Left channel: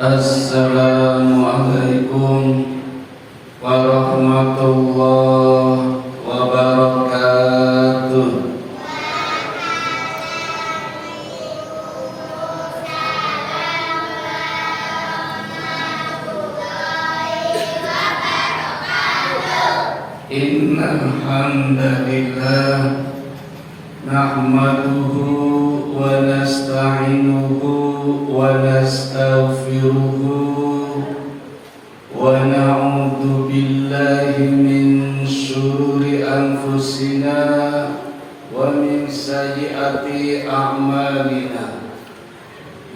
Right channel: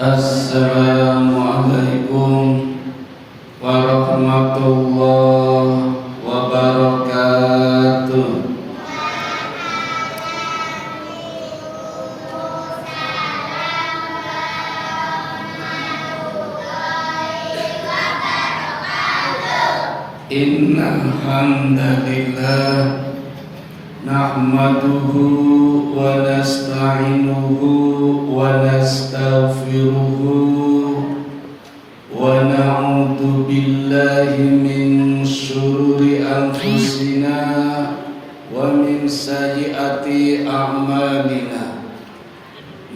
Assalamualaikum warahmatullahi wabarakatuh. Innal hamdalillah nahmaduhu wa nasta'inuhu wa nastaghfiruhu wa na'udzu billahi min syururi anfusina wa min sayyiati a'malina.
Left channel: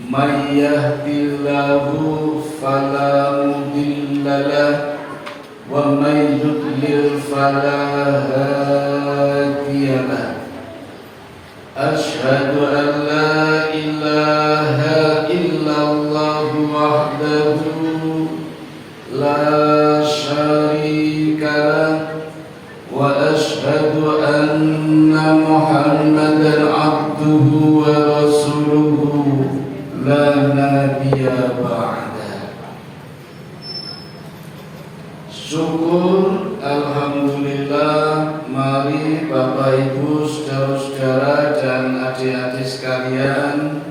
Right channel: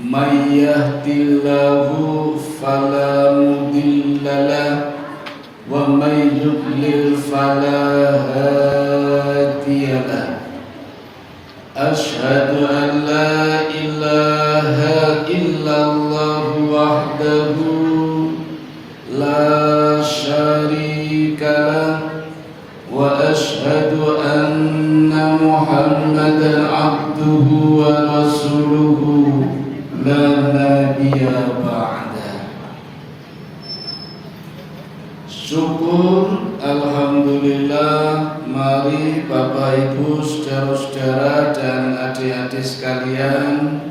May yahdihillahu fala mudilla lahu wa may yudlil fala hadiya lahu. Asyhadu an la ilaha illallah wahdahu la syarika lah wa asyhadu anna Muhammadan abduhu wa rasuluhu la nabiyya ba'da. Syukur alhamdulillah. Mari Bapak Ibu, saudara-saudara dan adik-adik sekalian,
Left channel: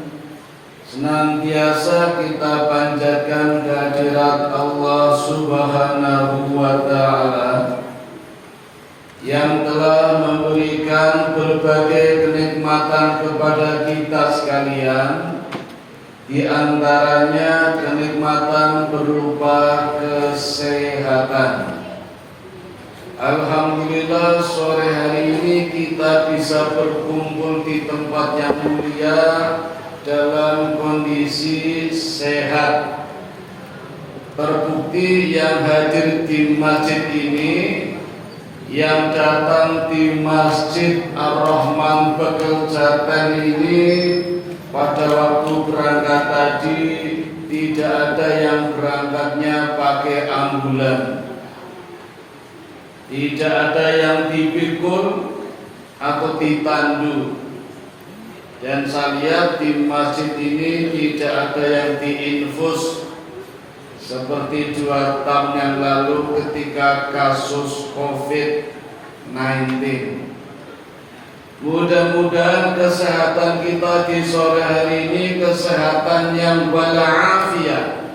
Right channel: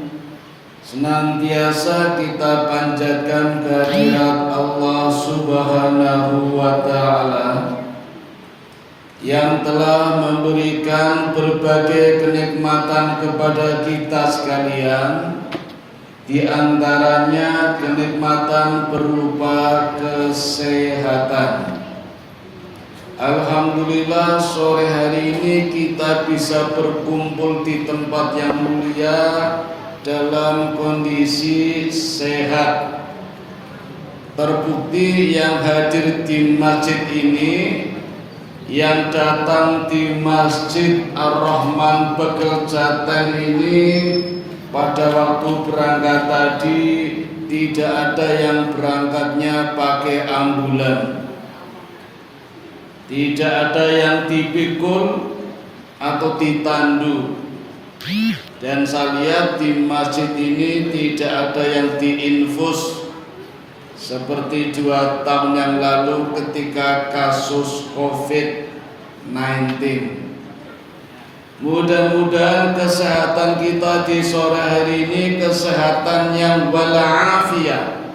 senantiasa kita panjatkan kehadirat Allah Subhanahu wa Ta'ala yang telah memberikan berbagai kenikmatan kepada kita sekalian, di antaranya kenikmatan berupa kesehatan. Alhamdulillah, sore hari ini kita bisa berkumpul di tempat yang mulia dalam kondisi sehat. Terbukti yang hadir di masjid ini, yang datang di Masjid Ar-Rahman Bekeljaten ini pada waktu berangkat tadi tidak ada yang berangkatnya pakai ambulan. Tidak ada yang dipikul atau ditandu. Dan saya lihat di masjid ini tidak ada yang diinfus seperti 2 tahun yang lalu ketika kasus COVID-19. Mudah-mudahan kesehatan kita di sore hari ini kesehatan yang walafiat,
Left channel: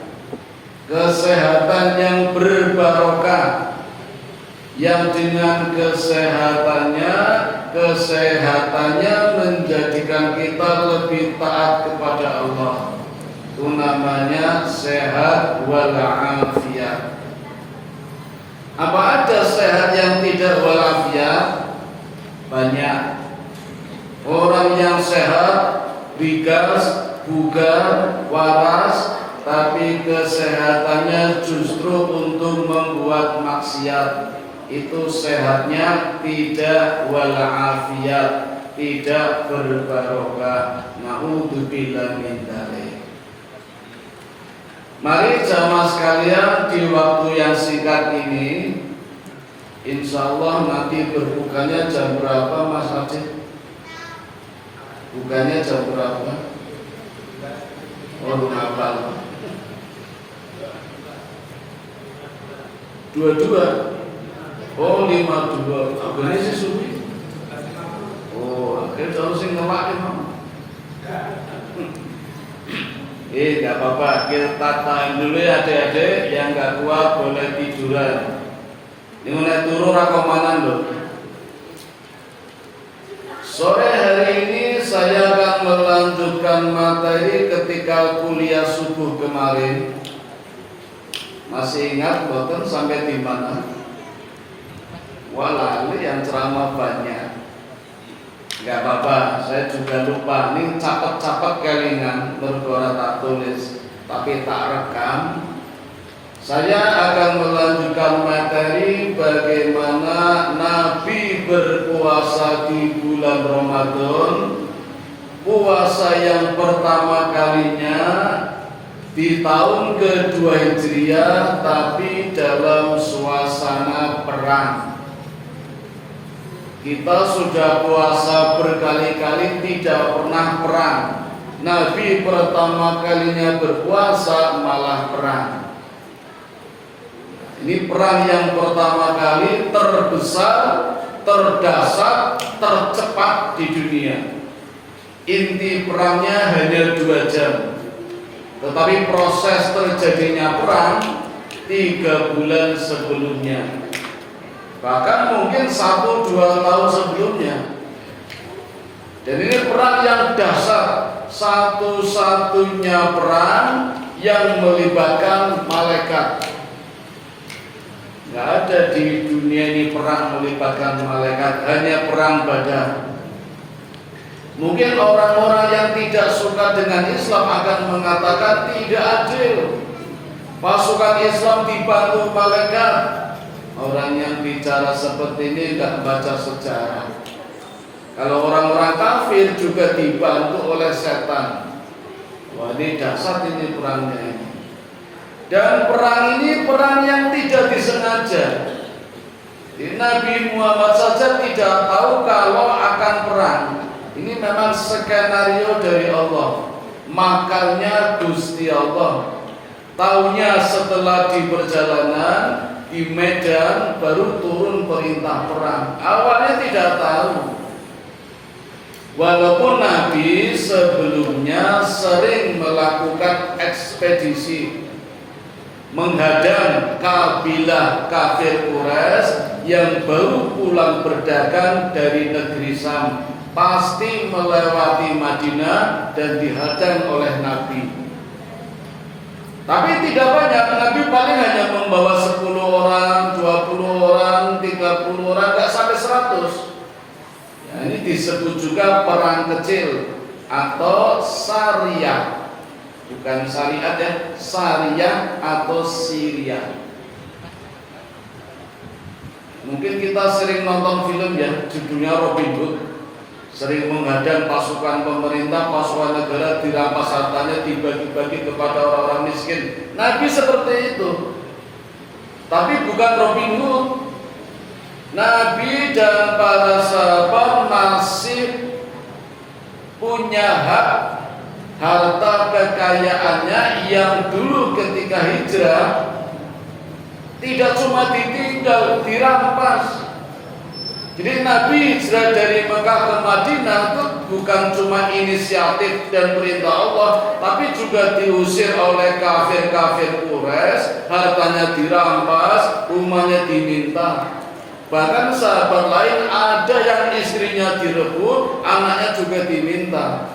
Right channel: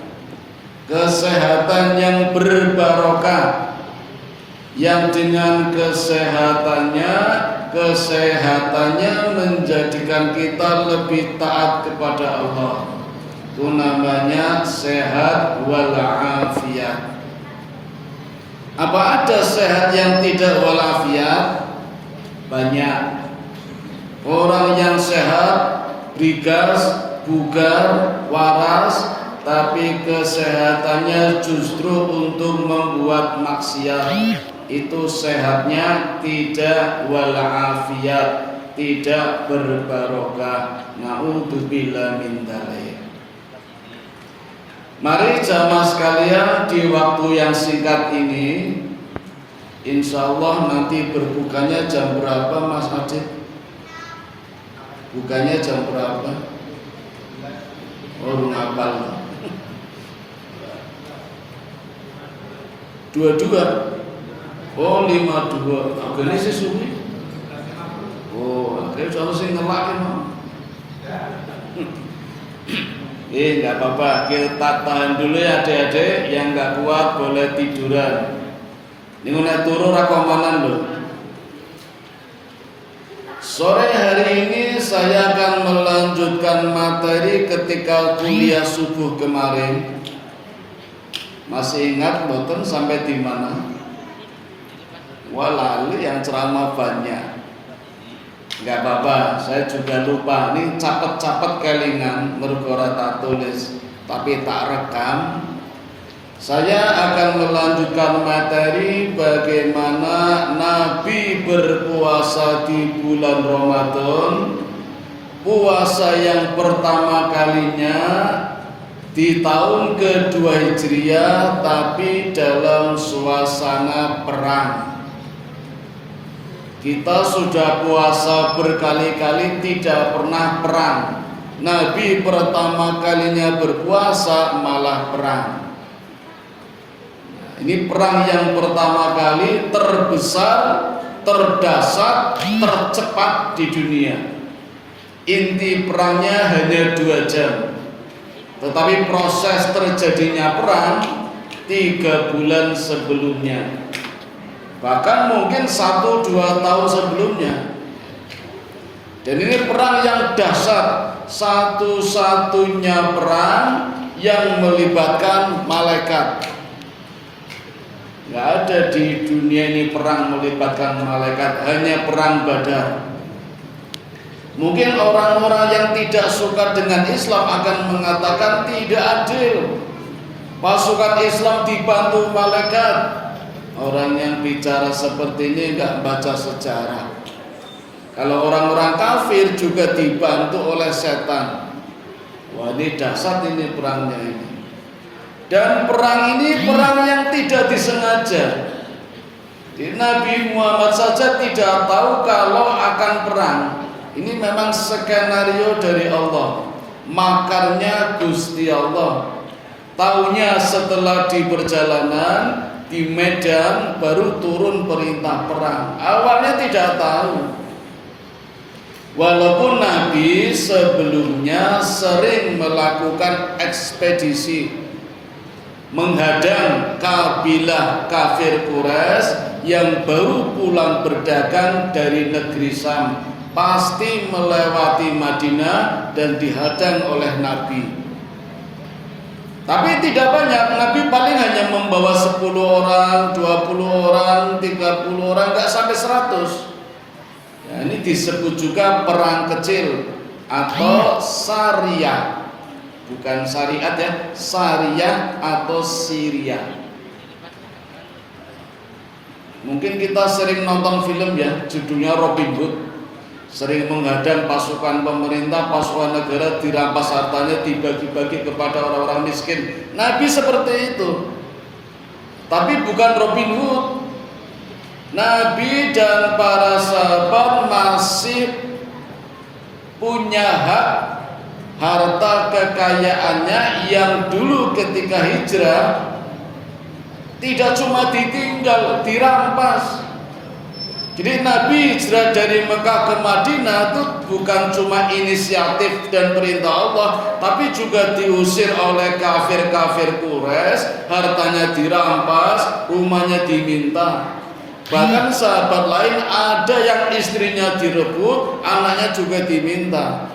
kesehatan yang berbarokah, yang dengan kesehatannya menjadikan kita lebih taat kepada Allah. Itu namanya sehat walafiat. Apa ada sehat yang tidak walafiat? Banyak. Orang yang sehat, rigas, bugar, waras, tapi kesehatannya justru untuk membuat maksiat. Itu sehatnya tidak walafiat, tidak berbarokah. Na'udzubillah min dzalik. Mari jamaah sekalian, di waktu yang singkat ini, insya Allah nanti berbukanya jam berapa Mas Adit? Bukanya jam berapa? Oh, ngapal. 22. Oh, 52. Apa ini sih subuh? Oh, akhirnya harus ngelak emang. Enggak apa-apa, kita tahan dulu ya adik-adik. Yang enggak kuat boleh tiduran. Ini mulai turun rakaman loh. Sore hari ini saya akan melanjutkan materi ketika kuliah subuh kemarin. Masih ingat boten sampai di mana? Walalu yang ceramah banyak. Enggak apa-apa, saya juga lupa. Ini capet-capet kelingan mergora tak tulis, tapi tak rekam. Saya akan melanjutkan materi bagaimana Nabi berpuasa di bulan Ramadan, puasa yang pertama kalinya di tahun kedua Hijriah, tapi dalam suasana perang. Kita sudah puasa berkali-kali tidak pernah perang. Nabi pertama kalinya berpuasa malah perang. Ini perang yang pertama kali terbesar, terdahsyat, tercepat di dunia. Inti perangnya hanya 2 jam, tetapi proses terjadinya perang 3 bulan sebelumnya, bahkan mungkin 1-2 tahun sebelumnya. Dan ini perang yang dahsyat, satu-satunya perang yang melibatkan malaikat. Nggak ada di dunia ini perang melibatkan malaikat, hanya perang Badar. Mungkin orang-orang yang tidak suka dengan Islam akan mengatakan tidak adil, pasukan Islam dibantu malaikat. Orang yang bicara seperti ini nggak baca sejarah. Kalau orang-orang kafir juga dibantu oleh setan. Wah, ini dahsyat ini perangnya ini. Dan perang ini perang yang tidak disengaja. Nabi Muhammad saja tidak tahu kalau akan perang. Ini memang skenario dari Allah, makarnya Gusti Allah. Taunya setelah di perjalanan di medan baru turun perintah perang. Awalnya tidak tahu. Walaupun Nabi sebelumnya sering melakukan ekspedisi menghadang kabilah kafir Quraisy yang baru pulang berdagang dari negeri Syam, pasti melewati Madinah dan dihadang oleh Nabi. Tapi tidak banyak, Nabi paling hanya membawa 10 orang, 20 orang, 30 orang, nggak sampai 100. Ya, ini disebut juga perang kecil atau syariah. Bukan syariat ya, syariah atau Syria. Mungkin kita sering nonton film ya, judulnya Robin Hood. Sering menghadang pasukan pemerintah, pasukan negara, dirampas hartanya, dibagi-bagi kepada orang-orang miskin. Nabi seperti itu. Tapi bukan Robin Hood. Nabi dan para sahabat masih punya hak harta kekayaannya yang dulu ketika hijrah tidak cuma ditinggal, dirampas. Jadi Nabi hijrah dari Mekah ke Madinah itu bukan cuma inisiatif dan perintah Allah, tapi juga diusir oleh kafir-kafir Quraisy, hartanya dirampas, rumahnya diminta. Bahkan sahabat lain ada yang istrinya direbut, anaknya juga diminta.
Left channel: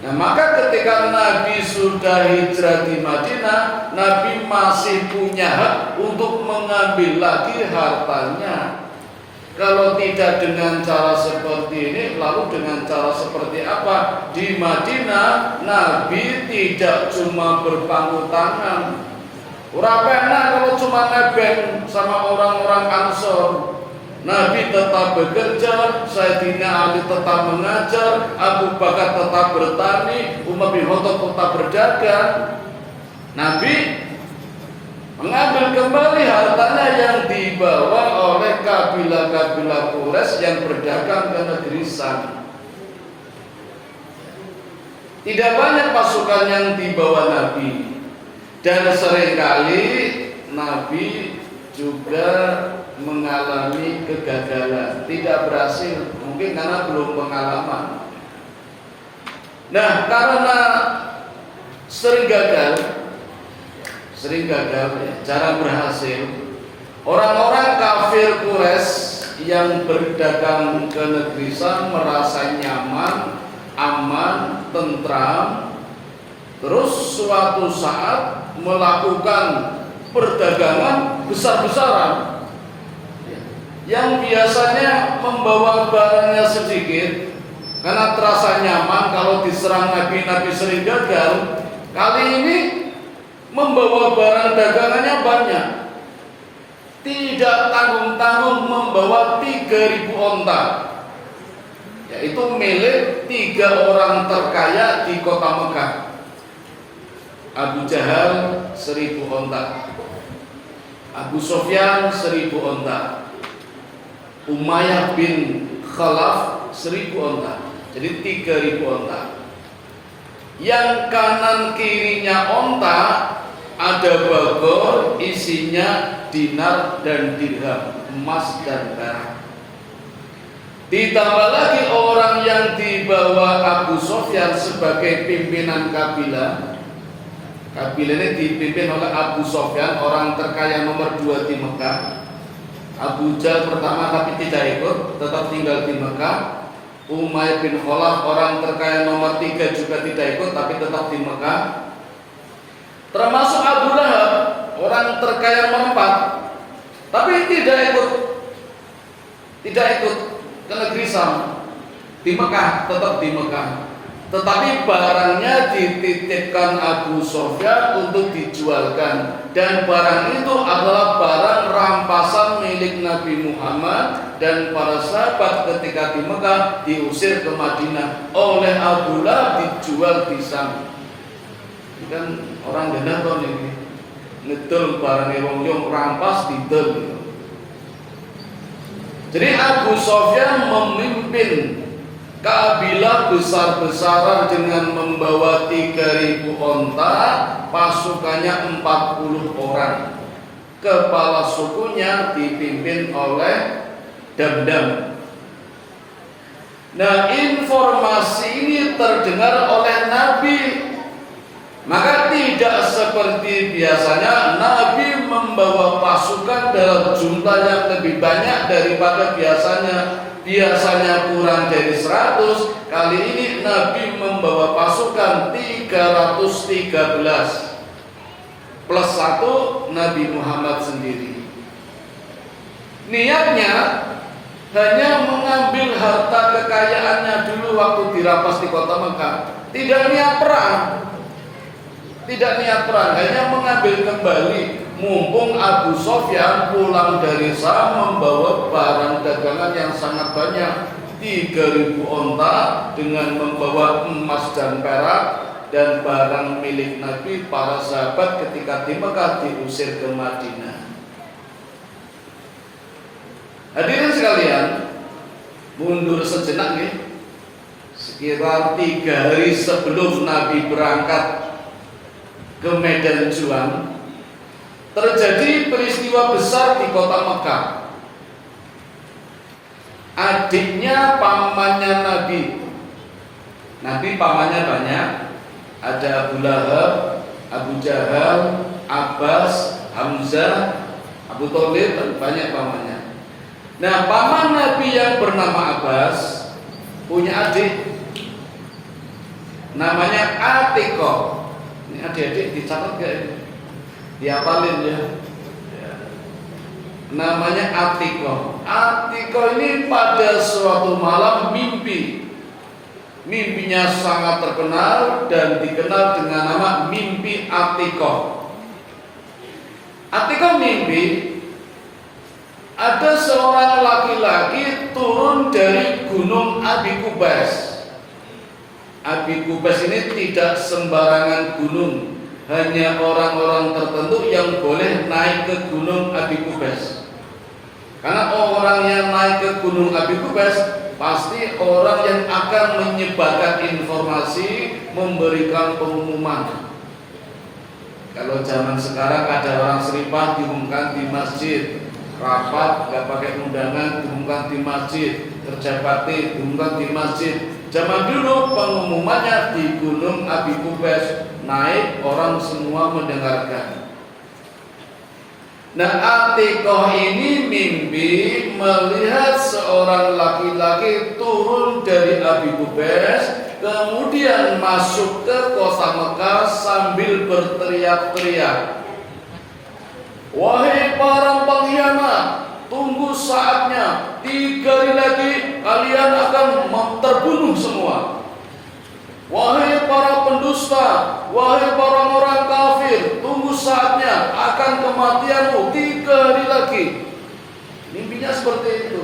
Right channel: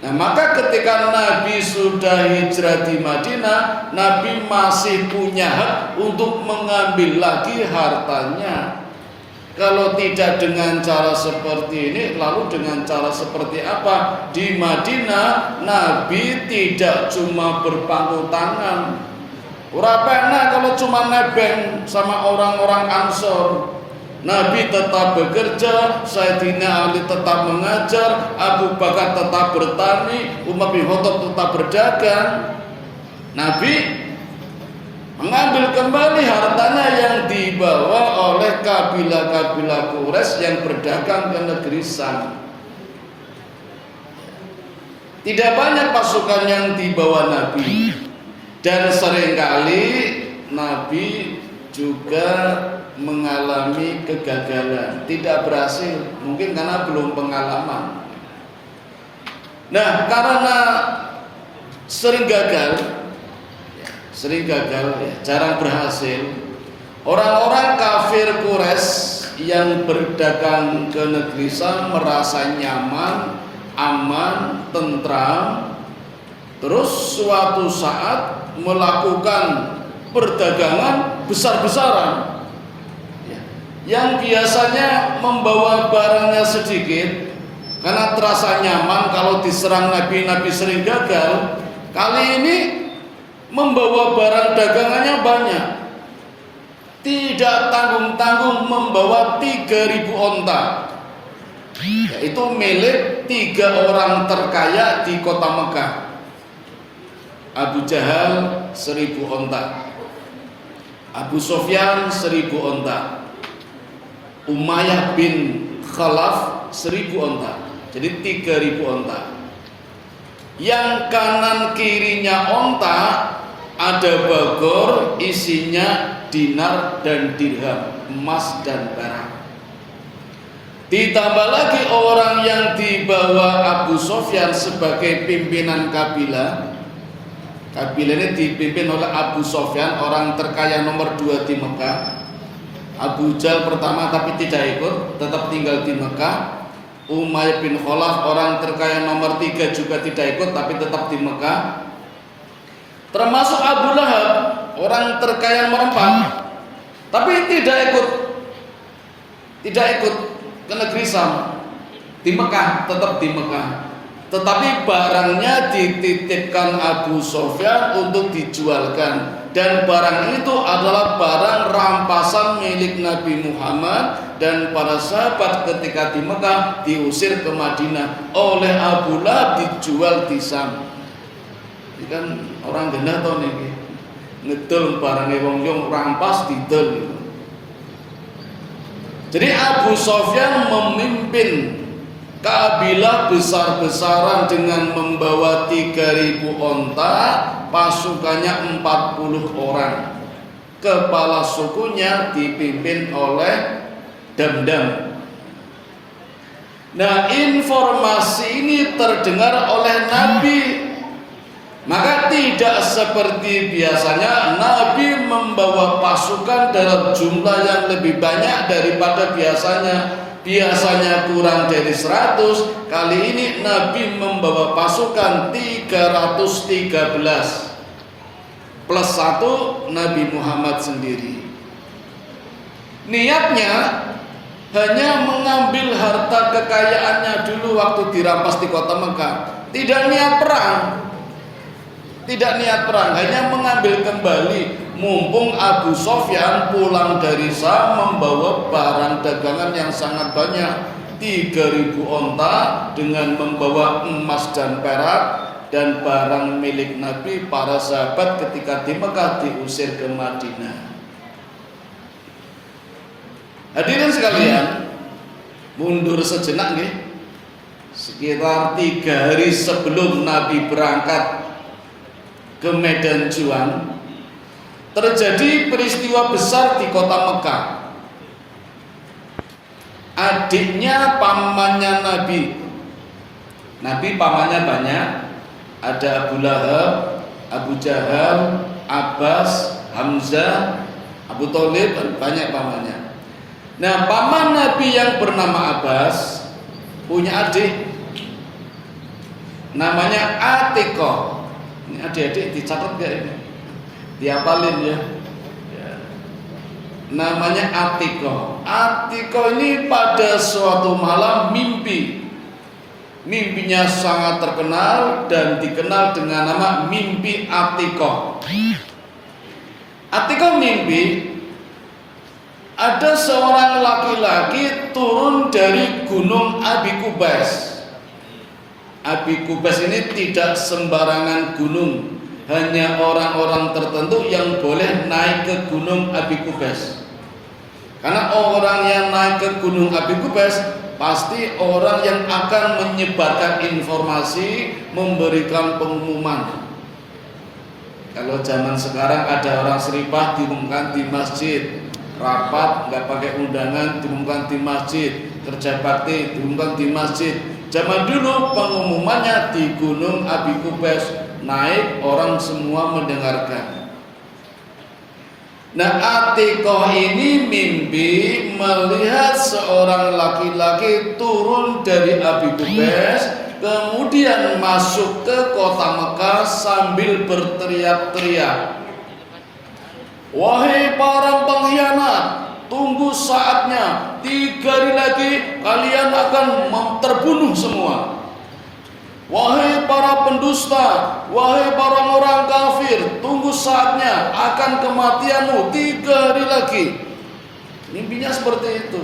Nah, maka ketika Nabi sudah hijrah di Madinah, Nabi masih punya hak untuk mengambil lagi hartanya. Kalau tidak dengan cara seperti ini, lalu dengan cara seperti apa? Di Madinah, Nabi tidak cuma berpangku tangan. Ora penak kalau cuma nebeng sama orang-orang Ansor. Nabi tetap bekerja, Sayyidina Ali tetap mengajar, Abu Bakar tetap bertani, Umar bin Khattab tetap berdagang. Nabi mengambil kembali hartanya yang dibawa oleh kabilah-kabilah Quraisy yang berdagang ke negeri Syam. Tidak banyak pasukan yang dibawa Nabi, dan seringkali Nabi juga mengalami kegagalan, tidak berhasil, mungkin karena belum pengalaman. Nah, karena sering gagal ya, jarang berhasil, orang-orang kafir Quraisy yang berdagang ke negeri Syam merasa nyaman, aman, tentram. Terus suatu saat melakukan perdagangan besar-besaran. Yang biasanya membawa barangnya sedikit karena terasa nyaman, kalau diserang Nabi sering gagal. Kali ini membawa barang dagangannya banyak, tidak tanggung-tanggung membawa 3.000 onta, yaitu milik 3 orang terkaya di kota Mekah. Abu Jahal 1.000 onta, Abu Sufyan 1.000 onta, Umayyah bin Khalaf 1.000 onta, jadi 3.000 onta. yang kanan kirinya onta ada bagor isinya dinar dan dirham, emas dan perak. Ditambah lagi orang yang dibawa Abu Sofyan sebagai pimpinan kabilah. Kabilah ini dipimpin oleh Abu Sofyan, orang terkaya nomor 2 di Mekah. Abu Jahal pertama tapi tidak ikut, tetap tinggal di Mekah. Umayyah bin Khalaf orang terkaya nomor 3 juga tidak ikut tapi tetap di Mekah. Termasuk Abu Lahab orang terkaya nomor 4 tapi tidak ikut ke negeri Syam, di Mekah, tetap di Mekah. Tetapi barangnya dititipkan Abu Sofyan untuk dijualkan, dan barang itu adalah barang rampasan milik Nabi Muhammad dan para sahabat ketika di Mekah diusir ke Madinah oleh Abu Lahab, dijual di Syam. Ini kan orang genah tau nih, ngedol barangnya wong yung rampas didol. Jadi Abu Sofyan memimpin kabilah besar-besaran dengan membawa 3.000 onta, pasukannya 40 orang. Kepala sukunya dipimpin oleh Damdam. Nah, informasi ini terdengar oleh Nabi. Maka tidak seperti biasanya Nabi membawa pasukan dalam jumlah yang lebih banyak daripada biasanya. Biasanya kurang dari 100, kali ini Nabi membawa pasukan 313 plus 1 Nabi Muhammad sendiri. Niatnya hanya mengambil harta kekayaannya dulu waktu dirampas di kota Mekah. Tidak niat perang, hanya mengambil kembali. Mumpung Abu Sofyan pulang dari Syam membawa barang dagangan yang sangat banyak, 3.000 onta dengan membawa emas dan perak dan barang milik Nabi, para sahabat ketika di Mekah diusir ke Madinah. Hadirin sekalian, mundur sejenak nih. Sekitar 3 hari sebelum Nabi berangkat ke medan juang, terjadi peristiwa besar di kota Mekah. Adiknya pamannya Nabi pamannya banyak, ada Abu Lahab, Abu Jahal, Abbas, Hamzah, Abu Thalib, banyak pamannya. Nah, paman Nabi yang bernama Abbas punya adik namanya Atiqah. Ini adik-adik dicatat gak ini? Dihafalin ya. Namanya Atiqah. Atiqah ini pada suatu malam mimpinya sangat terkenal dan dikenal dengan nama mimpi Atiqah. Atiqah mimpi ada seorang laki-laki turun dari gunung Abi Qubais. Abi Qubais ini tidak sembarangan gunung, hanya orang-orang tertentu yang boleh naik ke gunung Abi Qubais. Karena orang yang naik ke gunung Abi Qubais pasti orang yang akan menyebarkan informasi, memberikan pengumuman. Kalau zaman sekarang ada orang seripah diumumkan di masjid, rapat nggak pakai undangan diumumkan di masjid, kerja bakti diumumkan di masjid. Zaman dulu pengumumannya di gunung Abi Qubais, naik orang semua mendengarkan. Nah, Atiqah ini mimpi melihat seorang laki-laki turun dari Abi Qubais, kemudian masuk ke kota Mekah sambil berteriak-teriak, "Wahai para pengkhianat, tunggu saatnya, 3 hari lagi kalian akan terbunuh semua. Wahai para pendusta, wahai para orang kafir, tunggu saatnya, akan kematianmu 3 hari lagi." Mimpinya seperti itu.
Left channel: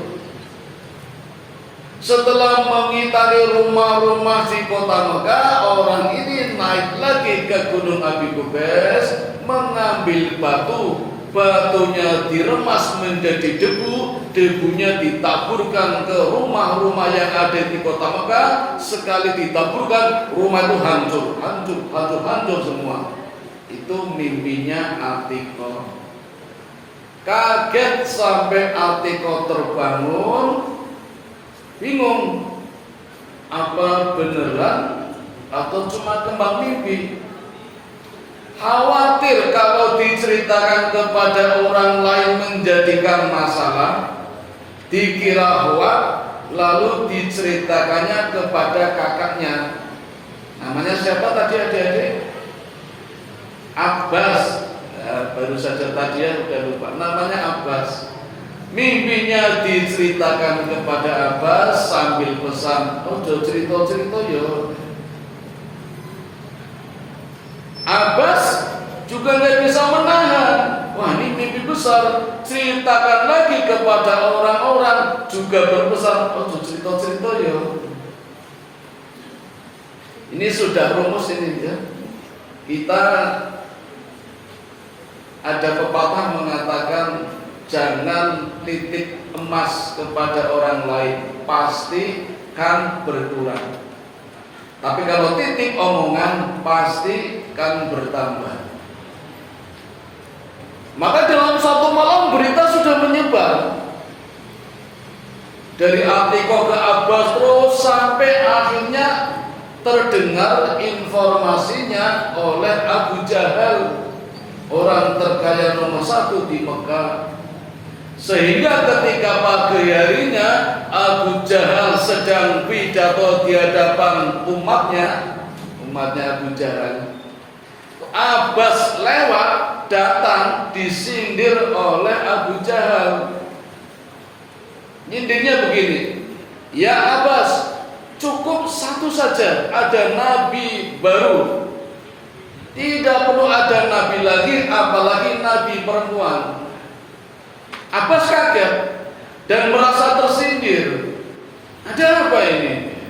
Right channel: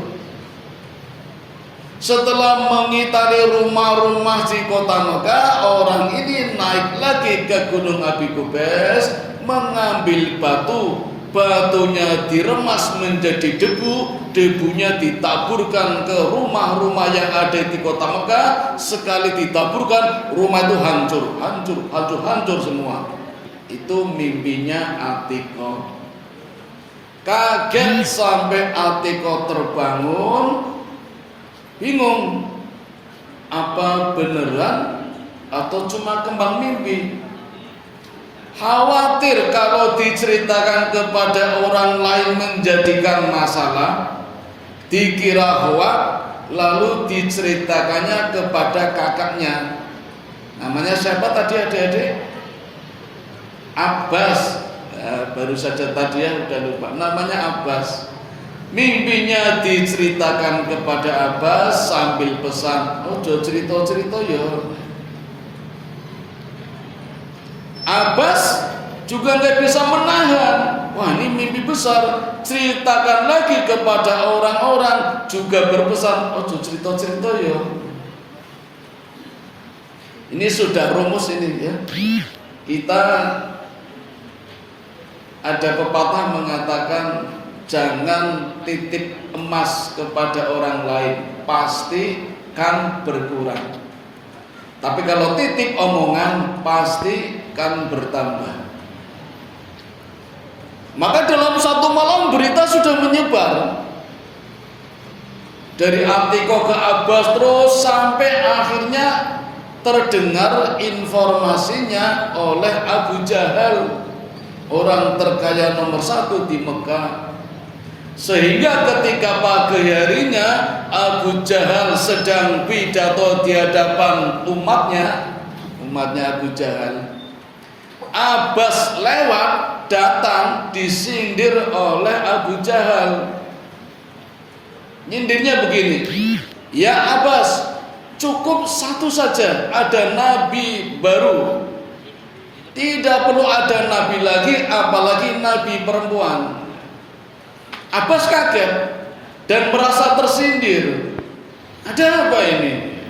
Setelah mengitari rumah-rumah di kota Mekah, orang ini naik lagi ke gunung Abi Qubais, mengambil batu batunya diremas menjadi debu, debunya ditaburkan ke rumah-rumah yang ada di kota Mekah. Sekali ditaburkan, rumah itu hancur semua. Itu mimpinya Atikoh. Kaget sampai Atikoh terbangun, bingung, apa beneran atau cuma kembang mimpi? Khawatir kalau diceritakan kepada orang lain menjadikan masalah, dikira hoak, lalu diceritakannya kepada kakaknya. Namanya siapa tadi adik-adik? Abbas. Baru saja tadi ya udah lupa. Namanya Abbas. Mimpinya diceritakan kepada Abbas sambil pesan, oh cerita-cerita ya. Abbas juga nggak bisa menahan. Wah, ini mimpi besar. Ceritakan lagi kepada orang-orang, juga berpesan, oh cerita-cerita ya. Ini sudah rumus ini ya. Kita ada pepatah mengatakan jangan titip emas kepada orang lain, pasti kan berkurang. Tapi kalau titip omongan pasti kan bertambah. Maka dalam satu malam berita sudah menyebar dari Atikoh ke Abbas terus sampai akhirnya terdengar informasinya oleh Abu Jahal, orang terkaya nomor 1 di Mekah. Sehingga ketika pagi harinya Abu Jahal sedang pidato di hadapan umatnya Abu Jahal, Abbas lewat datang disindir oleh Abu Jahal. Nyindirnya begini, ya Abbas, cukup satu saja, ada nabi baru, tidak perlu ada nabi lagi, apalagi nabi perempuan. Abbas kaget dan merasa tersindir. Ada apa ini?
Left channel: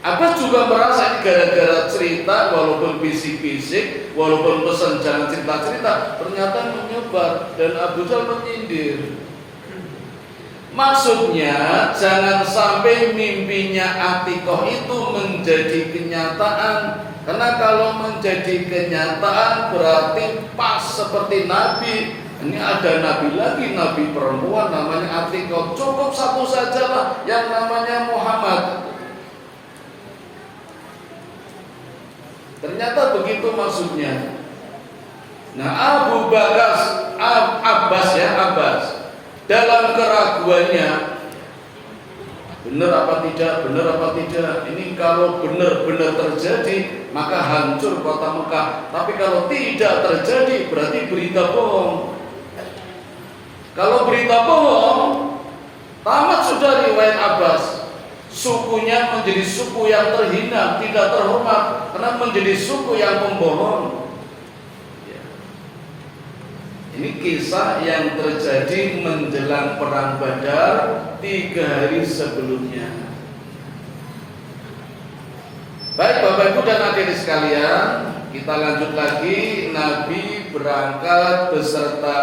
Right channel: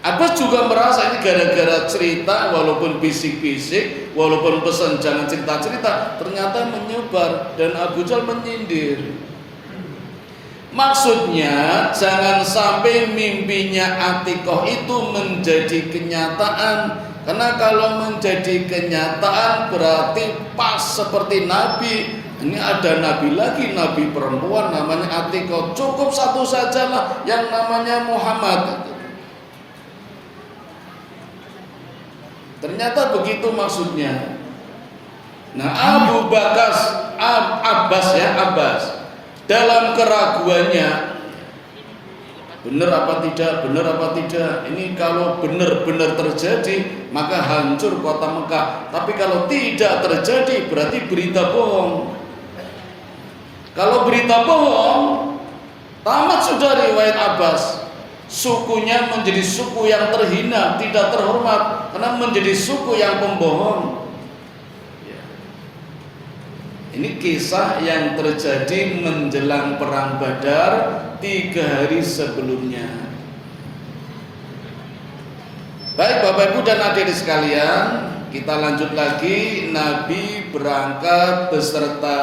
Abbas juga merasa ini gara-gara cerita, walaupun bisik-bisik, walaupun pesan jangan cerita-cerita, ternyata menyebar dan Abu Jahal menyindir. Maksudnya jangan sampai mimpinya Atikoh itu menjadi kenyataan. Karena kalau menjadi kenyataan berarti pas seperti Nabi. Ini ada nabi lagi, nabi perempuan namanya Atikoh. Cukup satu sajalah yang namanya Muhammad. Ternyata begitu maksudnya. Nah, Abbas dalam keraguannya, benar apa tidak, ini kalau benar-benar terjadi maka hancur kota Mekah. Tapi kalau tidak terjadi berarti berita bohong. Kalau berita bohong, tamat sudah riwayat Abbas. Sukunya menjadi suku yang terhina, tidak terhormat, karena menjadi suku yang pembohong. Ini kisah yang terjadi menjelang perang Badar 3 hari sebelumnya. Baik Bapak Ibu dan adik-adik sekalian, kita lanjut lagi. Nabi berangkat beserta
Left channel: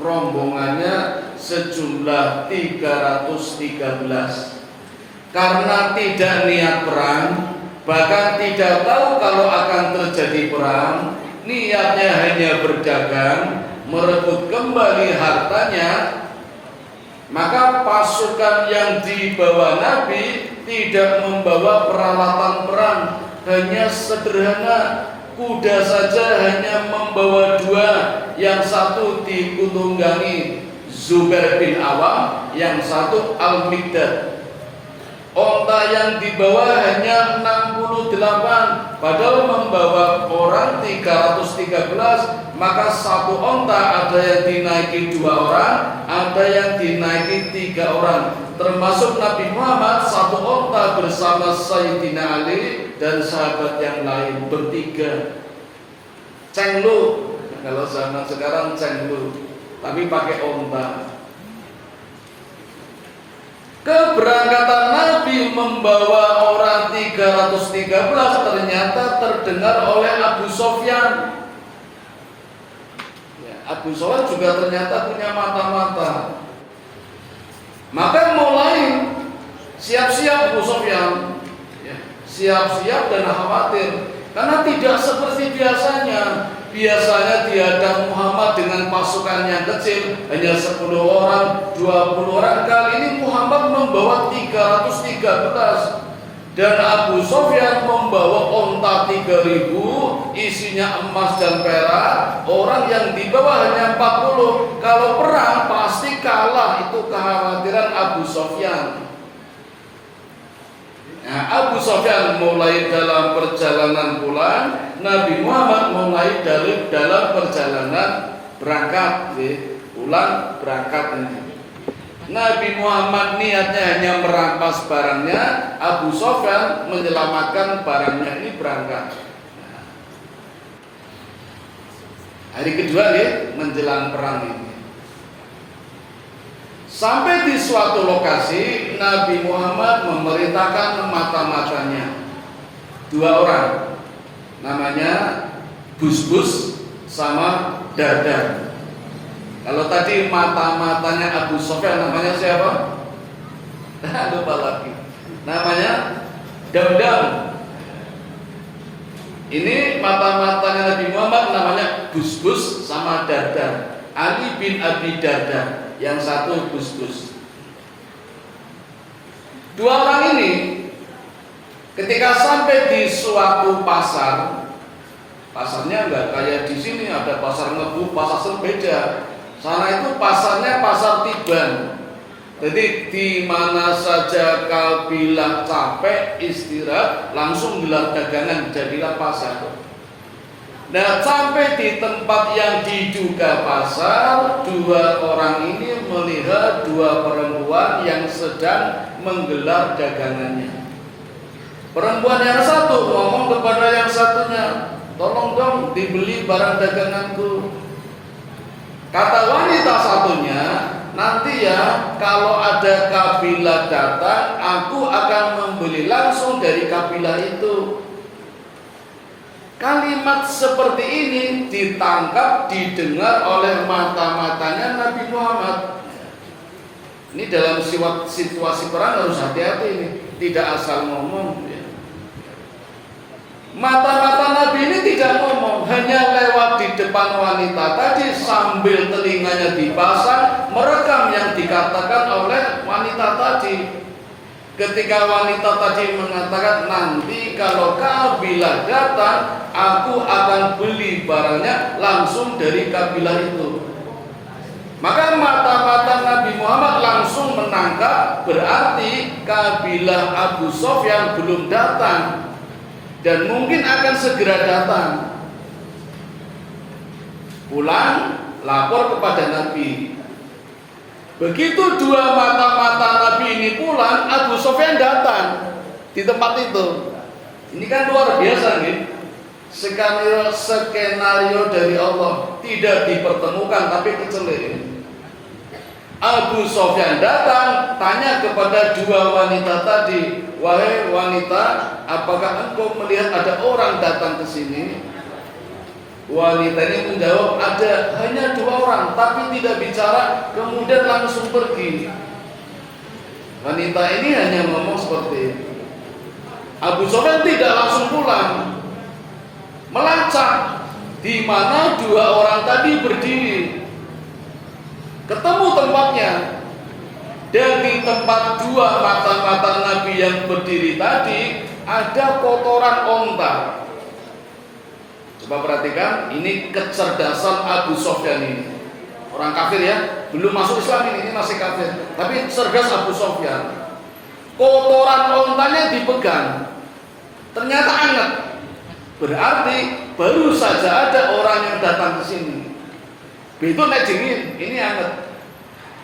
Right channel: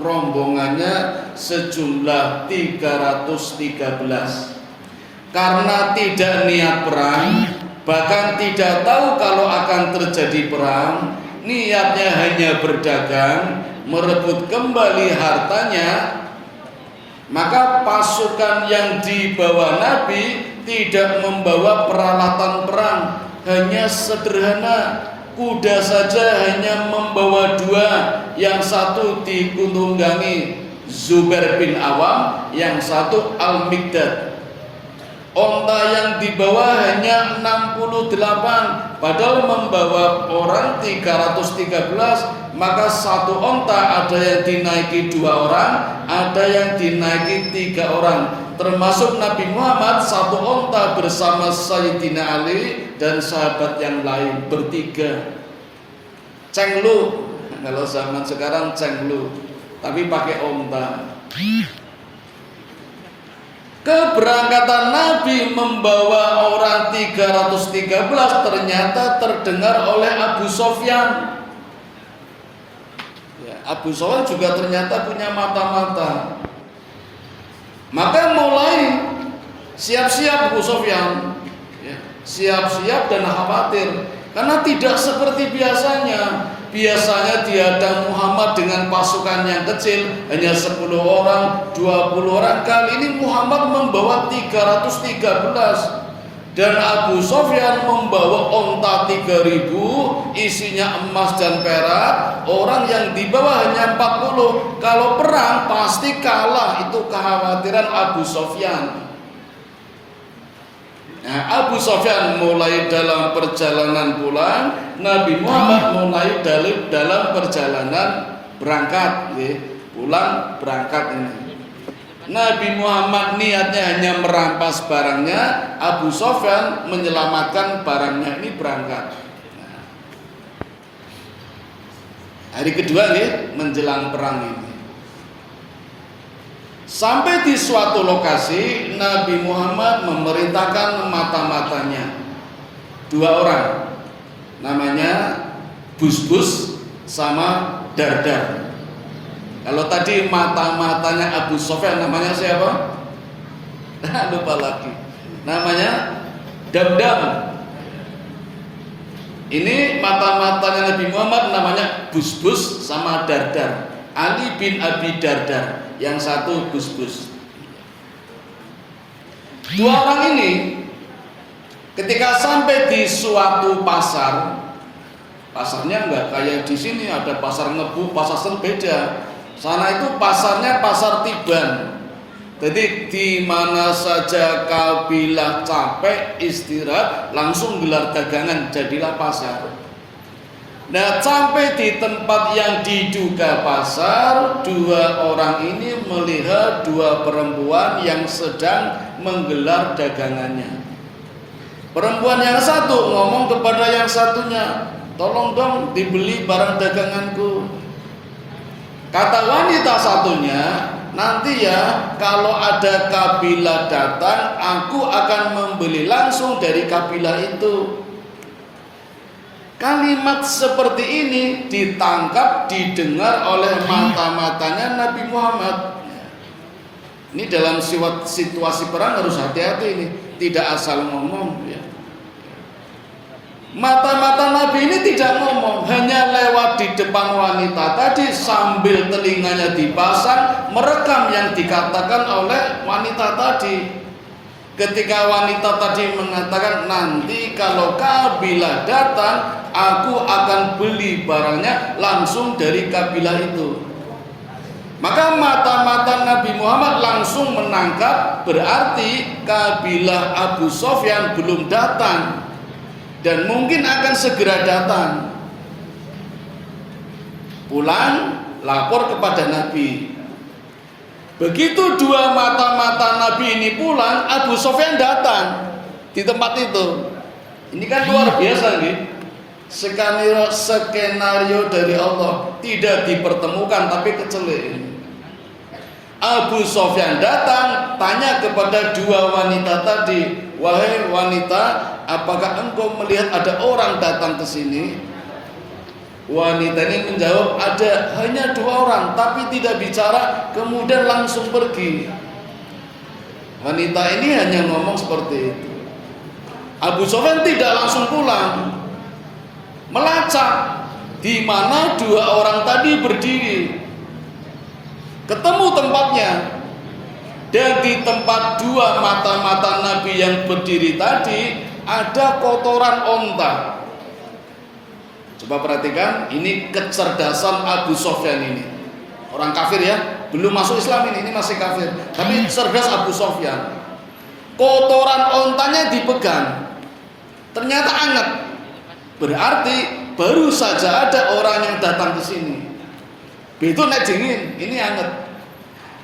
rombongannya sejumlah 313. Karena tidak niat perang, bahkan tidak tahu kalau akan terjadi perang, niatnya hanya berdagang, merebut kembali hartanya, maka pasukan yang dibawa Nabi tidak membawa peralatan perang, hanya sederhana. Kuda saja hanya membawa 2, yang satu ditunggangi Zubair bin Awam, yang satu Al-Miqdad. Onta yang dibawa hanya 68, padahal membawa orang 313. Maka satu onta ada yang dinaiki 2 orang, ada yang dinaiki 3 orang. Termasuk Nabi Muhammad satu onta bersama Sayyidina Ali dan sahabat yang lain bertiga. Cenglu, kalau zaman sekarang cenglu, tapi pakai onta. Keberangkatan Nabi membawa orang 313 ternyata terdengar oleh Abu Sofyan. Abu Sofyan juga ternyata punya mata-mata. Maka mulai siap-siap Abu Sofyan, ya, siap-siap dan khawatir karena tidak seperti biasanya. Biasanya dihadang Muhammad dengan pasukan yang kecil, hanya 10 orang, 20 orang. Kali ini Muhammad membawa 313. Dan Abu Sofyan membawa onta 3.000, isinya emas dan perak. Orang yang dibawa hanya 40. Kalau perang pasti kalah, itu kekhawatiran Abu Sofyan. Nah, Abu Sofyan mulai dalam perjalanan pulang, Nabi Muhammad mulai dalam perjalanan berangkat, pulang berangkat ini. Nabi Muhammad niatnya hanya merampas barangnya, Abu Sofyan menyelamatkan barangnya ini berangkat. Nah, hari kedua menjelang perang ini. Sampai di suatu lokasi, Nabi Muhammad memerintahkan mata-matanya 2 orang, namanya Busbus sama Dardar. Kalau tadi mata-matanya Abu Sofyan namanya siapa? Lupa lagi. Namanya Damdam. Ini mata-matanya Nabi Muhammad namanya Busbus sama Dardar. Ali bin Abi Dardar. Yang satu Busbus. 2 orang ini ketika sampai di suatu pasar, pasarnya enggak kayak di sini ada pasar Ngebu, pasar Serbeda. Sana itu pasarnya pasar Tiban. Jadi di mana saja kabilah capek istirahat langsung gelar dagangan, jadilah pasar. Nah, sampai di tempat yang diduga pasar, 2 orang ini melihat 2 perempuan yang sedang menggelar dagangannya. Perempuan yang satu ngomong kepada yang satunya, tolong dong dibeli barang daganganku. Kata wanita satunya, nanti ya kalau ada kabilah datang, aku akan membeli langsung dari kabilah itu. Kalimat seperti ini ditangkap, didengar oleh mata-matanya Nabi Muhammad. Ini dalam situasi perang harus hati-hati ini, tidak asal ngomong. Mata-mata Nabi ini tidak ngomong, hanya lewat di depan wanita tadi sambil telinganya dipasang merekam yang dikatakan oleh wanita tadi. Ketika wanita tadi mengatakan, nanti kalau kabilah datang, aku akan beli barangnya langsung dari kabilah itu. Maka mata-mata Nabi Muhammad langsung menangkap, berarti kabilah Abu Sofyan belum datang dan mungkin akan segera datang. Pulang, lapor kepada Nabi. Begitu 2 mata-mata Nabi ini pulang, Abu Sofyan datang di tempat itu. Ini kan luar biasa nih. Skenario dari Allah tidak dipertemukan tapi kecelik. Abu Sofyan datang, tanya kepada 2 wanita tadi, wahai wanita, apakah engkau melihat ada orang datang ke sini? Wanita ini menjawab, ada, hanya 2 orang, tapi tidak bicara, kemudian langsung pergi. Wanita ini hanya ngomong seperti itu. Abu Sofyan tidak langsung pulang, melacak di mana 2 orang tadi berdiri. Ketemu tempatnya, dan di tempat 2 mata-mata Nabi yang berdiri tadi ada kotoran onta. Coba perhatikan, ini kecerdasan Abu Sofyan ini. Orang kafir ya, belum masuk Islam ini masih kafir. Tapi cerdas Abu Sofyan. Kotoran ontanya dipegang, ternyata anget. Berarti baru saja ada orang yang datang ke sini. Itu nek dingin, ini anget.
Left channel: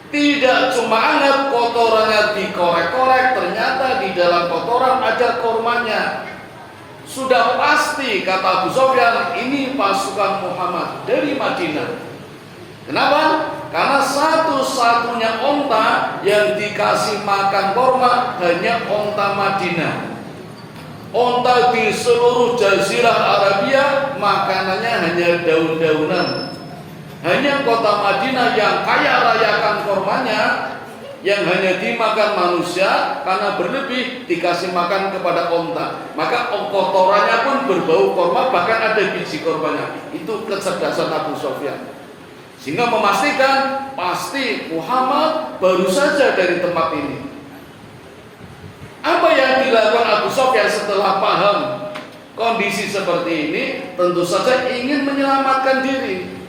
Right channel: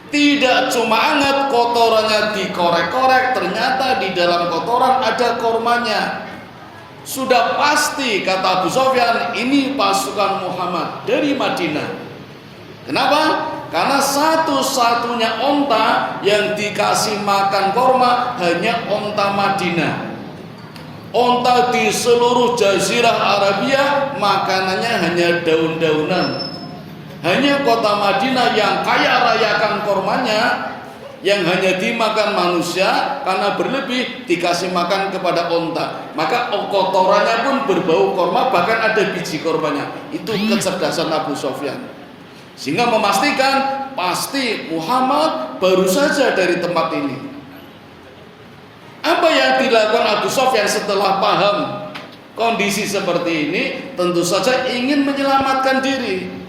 Tidak cuma anget, kotorannya dikorek-korek, ternyata di dalam kotoran ada kormanya. Sudah pasti kata Abu Sofyan, ini pasukan Muhammad dari Madinah. Kenapa? Karena satu-satunya onta yang dikasih makan korma hanya onta Madinah. Onta di seluruh Jazirah Arabia makanannya hanya daun-daunan. Hanya kota Madinah yang kaya rayakan kormanya, yang hanya dimakan manusia karena berlebih dikasih makan kepada onta, maka kotorannya pun berbau korma, bahkan ada biji kormanya. Itu kecerdasan Abu Sofyan, sehingga memastikan pasti Muhammad baru saja dari tempat ini. Apa yang dilakukan Abu Sofyan setelah paham kondisi seperti ini? Tentu saja ingin menyelamatkan diri.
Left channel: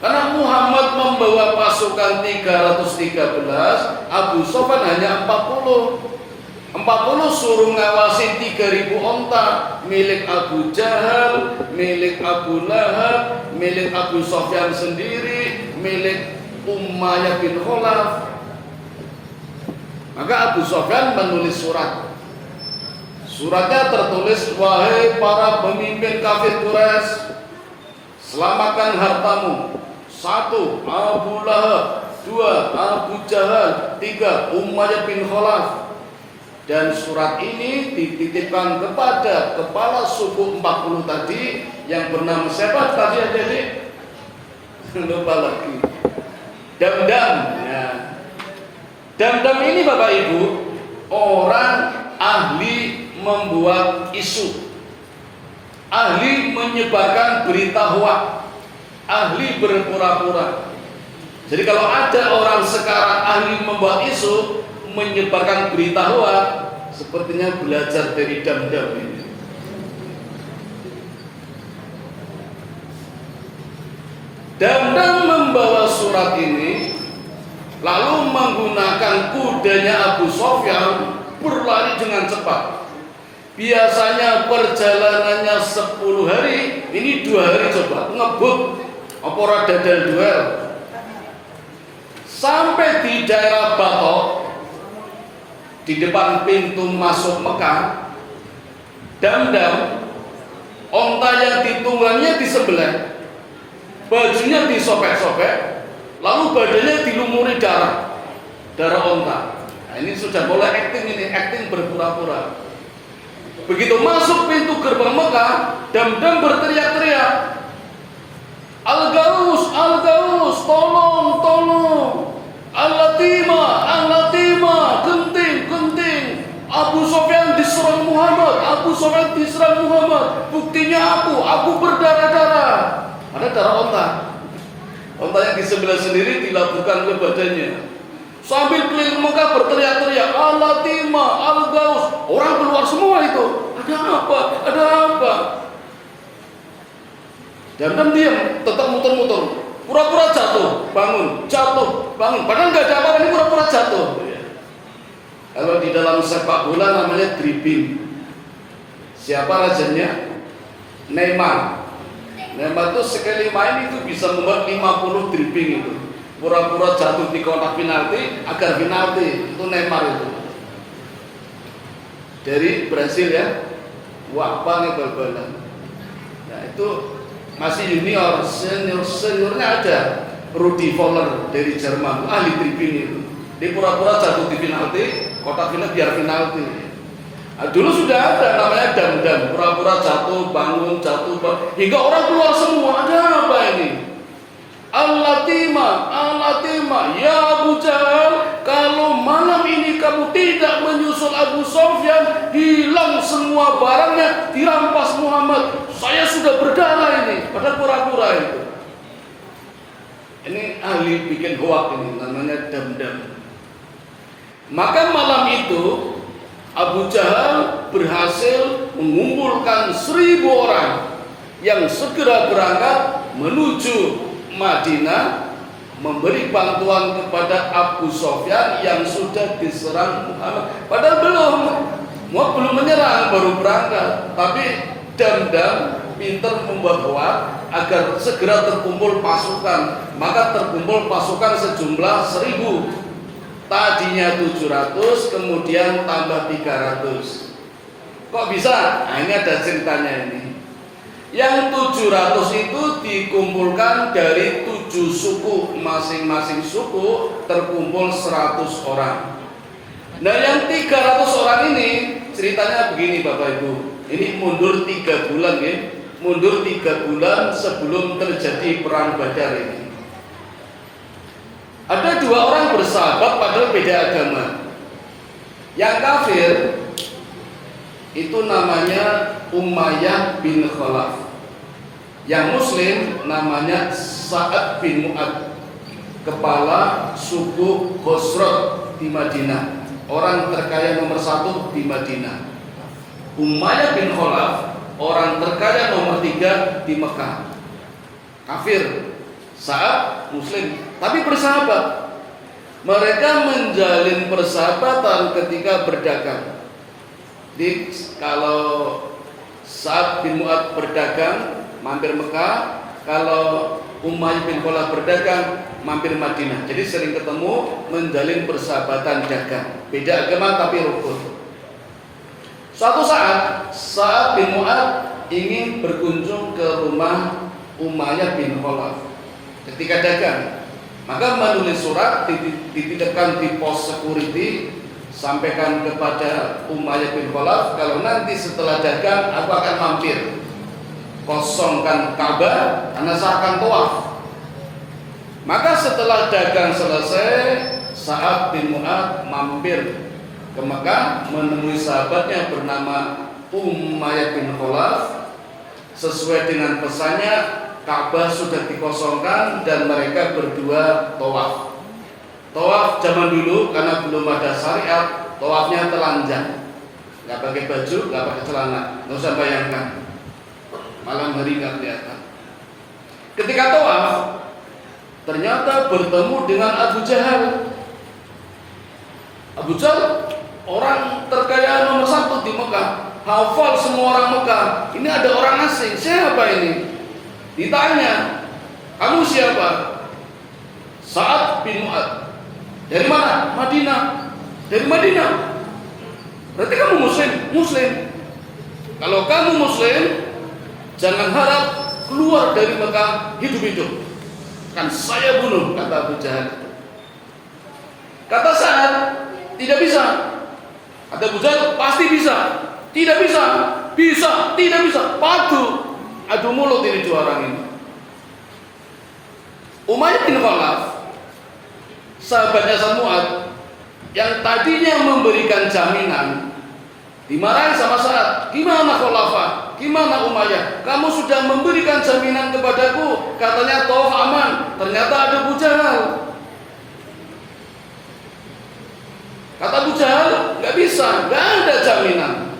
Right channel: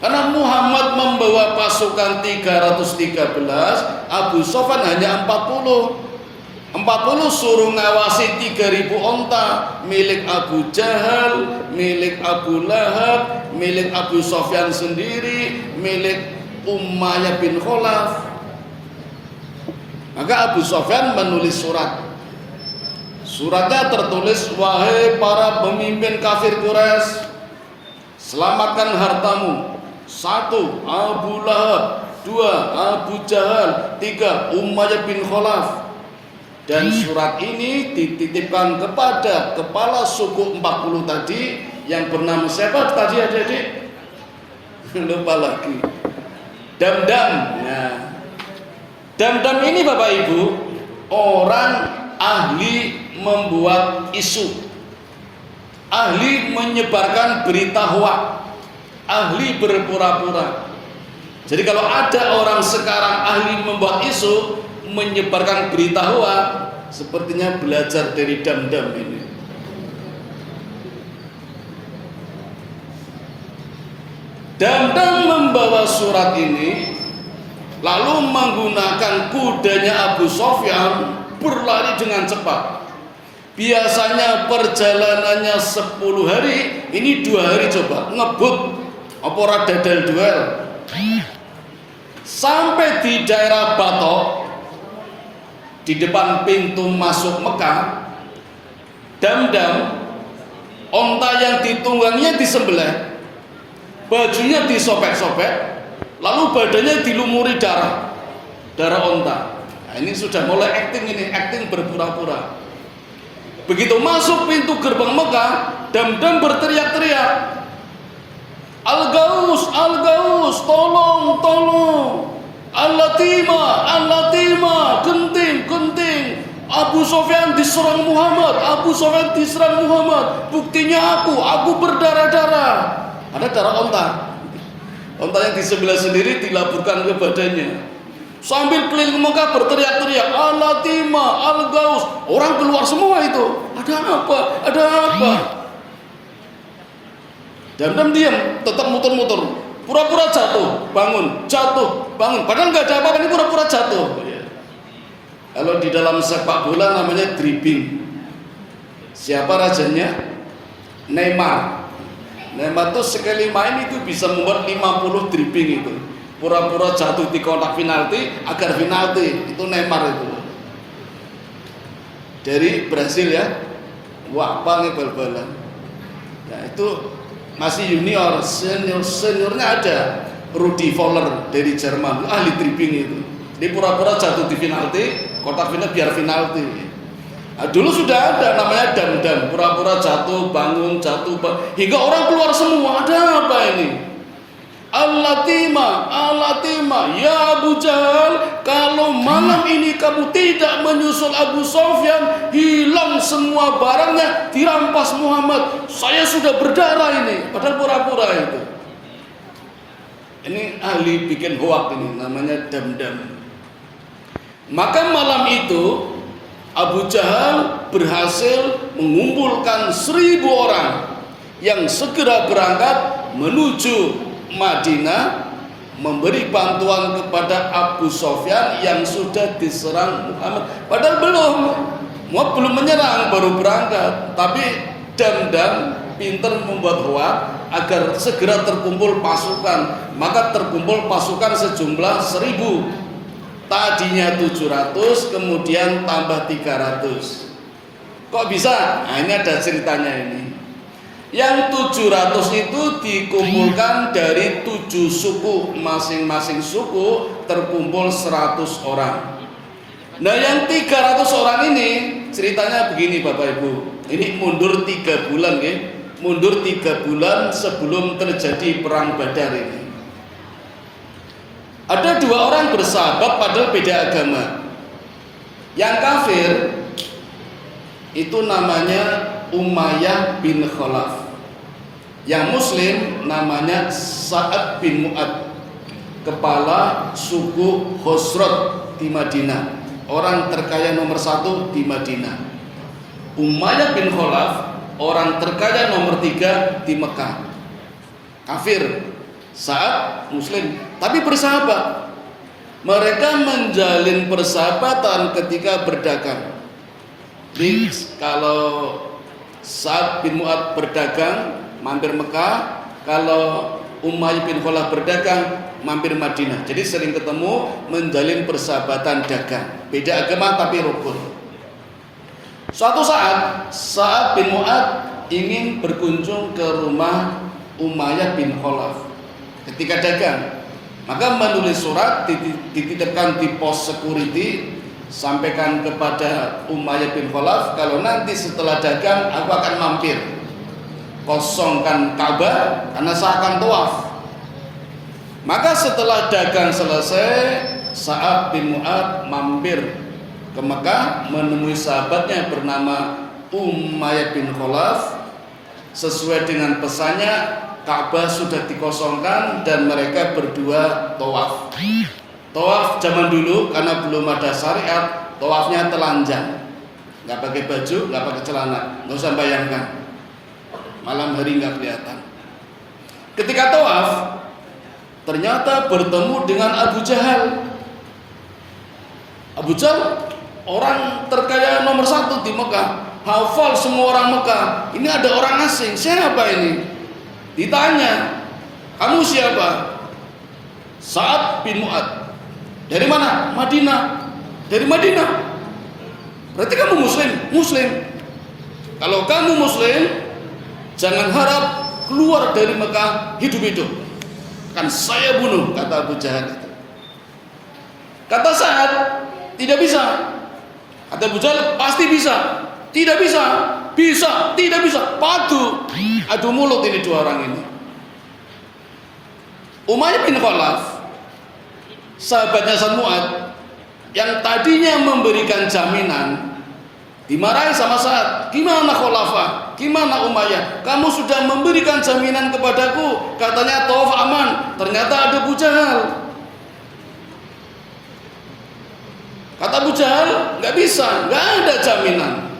Karena Muhammad membawa pasukan 313, Abu Sofyan hanya 40 suruh ngawasi 3.000 onta milik Abu Jahal, milik Abu Lahab, milik Abu Sofyan sendiri, milik Umayyah bin Khalaf. Maka Abu Sofyan menulis surat. Suratnya tertulis, wahai para pemimpin kafir Quraisy, selamatkan hartamu. 1. Abu Lahab, 2. Abu Jahal, 3. Umayyah bin Khalaf. Dan surat ini dititipkan kepada kepala suku 40 tadi yang bernama siapa tadi adik-adik? Lupa lagi. Damdam. Nah, Damdam ini Bapak Ibu orang ahli membuat isu, ahli menyebarkan berita hoak, ahli berpura-pura. Jadi kalau ada orang sekarang ahli membuat isu, menyebarkan berita hoak, sepertinya belajar dari Damdam ini. Damdam membawa surat ini, lalu menggunakan kudanya Abu Sofyan berlari dengan cepat. Biasanya perjalanannya 10 hari, ini 2 hari coba ngebut apa dadal duel. Sampai di daerah Batok, di depan pintu masuk Mekah, Damdam onta yang ditungganginya disembelih, bajunya disobek-sobek, lalu badannya dilumuri darah onta. Nah, ini sudah mulai acting berpura-pura. Begitu masuk pintu gerbang Mekah, Damdam berteriak-teriak, Al-Gaus, Al-Gaus, tolong, Al-Latima, genting. Abu Sofyan diserang Muhammad, buktinya aku berdarah-darah. Ada darah onta yang di sebelah sendiri dilaburkan ke badannya. Sambil keliling Mekah berteriak-teriak, Al-Latima, Al-Gaus. Orang keluar semua itu. Ada apa? Damdam diam, tetap muter-muter, pura-pura jatuh, bangun. Padahal nggak ada apa-apa, ini pura-pura jatuh. Kalau di dalam sepak bola namanya dribbling. Siapa rajanya? Neymar itu sekali main itu bisa membuat 50 dribbling itu. Pura-pura jatuh di kotak penalti agar penalti. Itu Neymar itu. Dari Brasil ya. Wah, apa nih bal-balan. Nah, itu masih junior, seniornya ada Rudi Voller dari Jerman, ahli dribbling itu. Dia pura-pura jatuh di penalti, kotak penalti biar penalti. Nah, dulu sudah ada namanya Damdam, pura-pura jatuh, bangun, hingga orang keluar semua. Ada apa ini? Al-Latima, ya Abu Jahal, kalau malam ini kamu tidak menyusul Abu Sofyan, hilang semua barangnya, dirampas Muhammad. Saya sudah berdarah ini, padahal pura-pura itu. Ini ahli bikin hoak ini, namanya Damdam. Maka malam itu Abu Jahal berhasil mengumpulkan 1.000 orang yang segera berangkat menuju Madinah, memberi bantuan kepada Abu Sofyan yang sudah diserang Muhammad. Padahal belum menyerang, baru berangkat. Tapi Damdam pintar membuat hoak agar segera terkumpul pasukan. Maka terkumpul pasukan sejumlah 1.000. Tadinya 700, kemudian tambah 300. Kok bisa? Nah, ini ada ceritanya ini. Yang 700 itu dikumpulkan dari 7 suku, masing-masing suku terkumpul 100 orang. Nah, yang 300 orang ini ceritanya begini Bapak Ibu. Ini mundur 3 bulan ya. mundur 3 bulan sebelum terjadi perang Badar ini. Ada 2 orang bersahabat padahal beda agama. Yang kafir itu namanya Umayyah bin Khalaf. Yang muslim namanya Sa'ad bin Mu'ad, kepala suku Khosrot di Madinah, orang terkaya nomor 1 di Madinah. Umayyah bin Khalaf orang terkaya nomor 3 di Mekah. Kafir, Sa'ad muslim, tapi bersahabat. Mereka menjalin persahabatan ketika berdagang. Jadi kalau Sa'ad bin Mu'ad berdagang mampir Mekah, kalau Umayyah bin Khalaf berdagang mampir Madinah. Jadi sering ketemu, menjalin persahabatan dagang. Beda agama tapi rukun. Suatu saat Sa'ad bin Mu'ad ingin berkunjung ke rumah Umayyah bin Khalaf ketika dagang, maka menulis surat, dititipkan di pos security, sampaikan kepada Umayyah bin Khalaf, kalau nanti setelah dagang aku akan mampir, kosongkan Ka'bah karena saya akan tawaf. Maka setelah dagang selesai, Sa'ad bin Mu'ad mampir ke Mekah menemui sahabatnya bernama Umayyah bin Khalaf. Sesuai dengan pesannya, Ka'bah sudah dikosongkan dan mereka berdua tawaf. Tawaf zaman dulu karena belum ada syariat, tawafnya telanjang, nggak pakai baju, nggak pakai celana. Nggak usah bayangkan, malam hari nggak kelihatan. Ketika tawaf, ternyata bertemu dengan Abu Jahal. Abu Jahal orang terkaya nomor 1 di Mekah, hafal semua orang Mekah. Ini ada orang asing, siapa ini? Ditanya, kamu siapa? Sa'ad bin Mu'ad. Dari mana? Madinah. Dari Madinah. Berarti kamu muslim? Muslim. Kalau kamu muslim, jangan harap keluar dari Mekah hidup-hidup, kan saya bunuh, kata Abu Jahal itu. Kata Sa'ad, tidak bisa. Kata Abu Jahal, pasti bisa. Tidak bisa. Bisa, tidak bisa. Adu mulut ini 2 orang ini. Umayyah bin Khalaf, sahabatnya Sa'ad, yang tadinya memberikan jaminan, dimarahi sama Sa'ad. Gimana Khalafah? Gimana Umayyah? Kamu sudah memberikan jaminan kepadaku, katanya tawaf aman, ternyata ada Abu Jahal. Kata Abu Jahal, nggak bisa, nggak ada jaminan.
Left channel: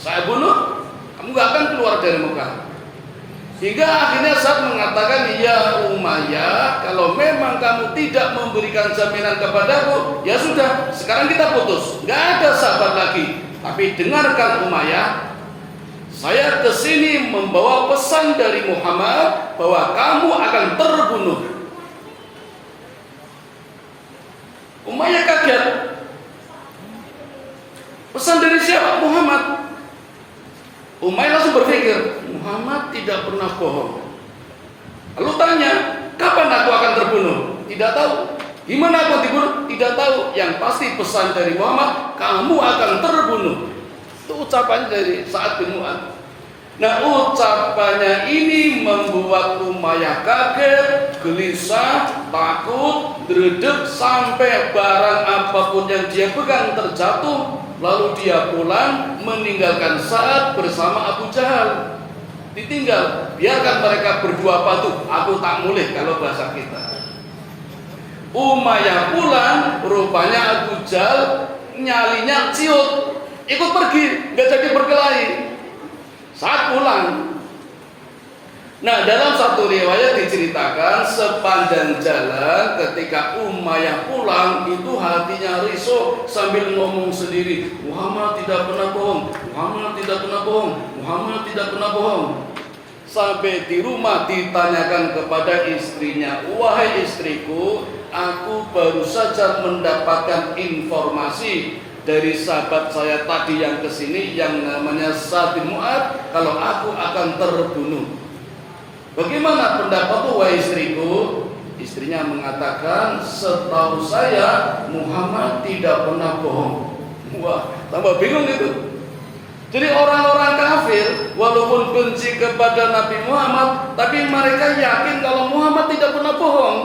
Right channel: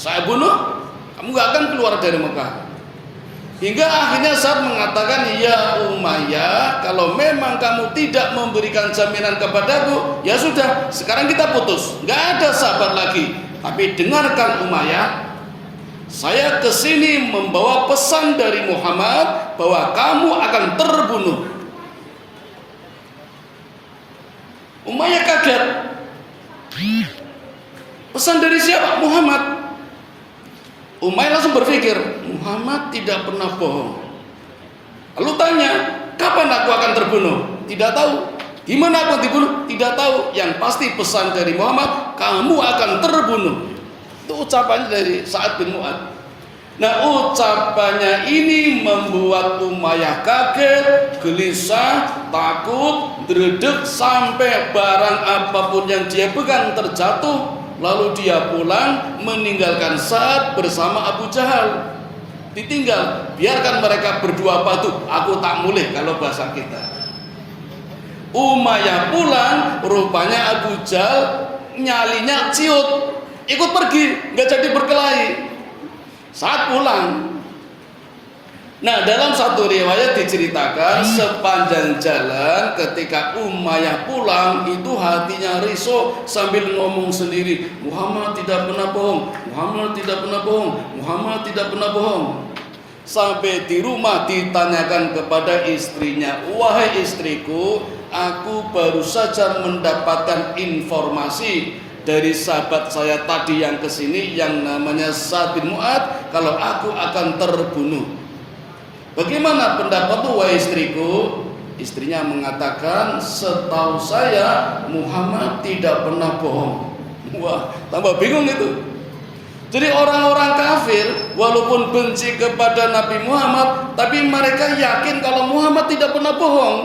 Saya bunuh, kamu nggak akan keluar dari Mekah. Hingga akhirnya Sa'ad mengatakan, ya Umayyah, kalau memang kamu tidak memberikan jaminan kepadaku, ya sudah, sekarang kita putus, nggak ada sahabat lagi. Tapi dengarkan Umayyah, saya kesini membawa pesan dari Muhammad bahwa kamu akan terbunuh. Umayyah kaget. Pesan dari siapa? Muhammad. Umayyah langsung berpikir, Muhammad tidak pernah bohong. Lalu tanya, kapan aku akan terbunuh? Tidak tahu. Gimana aku dibunuh? Tidak tahu. Yang pasti pesan dari Muhammad, kamu akan terbunuh. Itu ucapannya dari Sa'ad bin Mu'ad. Nah, ucapannya ini membuat Umayyah kaget, gelisah, takut, dredeg, sampai barang apapun yang dia pegang terjatuh. Lalu dia pulang meninggalkan Sa'ad bersama Abu Jahal. Ditinggal, biarkan mereka berdua patuh. Aku tak mulih kalau bahasa kita. Umayyah pulang, rupanya Abu Jahal nyalinya ciut, ikut pergi, nggak jadi berkelahi. Saat pulang, nah dalam satu riwayat diceritakan sepanjang jalan ketika Umayyah pulang itu hatinya risau sambil ngomong sendiri, Muhammad tidak pernah bohong, Muhammad tidak pernah bohong, Muhammad tidak pernah bohong. Sampai di rumah ditanyakan kepada istrinya, wahai istriku, aku baru saja mendapatkan informasi dari sahabat saya tadi yang kesini yang namanya Sa'ad bin Mu'ad, kalau aku akan terbunuh. Bagaimana pendapatmu wahai istriku? Istrinya mengatakan, setahu saya Muhammad tidak pernah bohong. Wah, tambah bingung itu. Jadi orang-orang kafir walaupun benci kepada Nabi Muhammad, tapi mereka yakin kalau Muhammad tidak pernah bohong.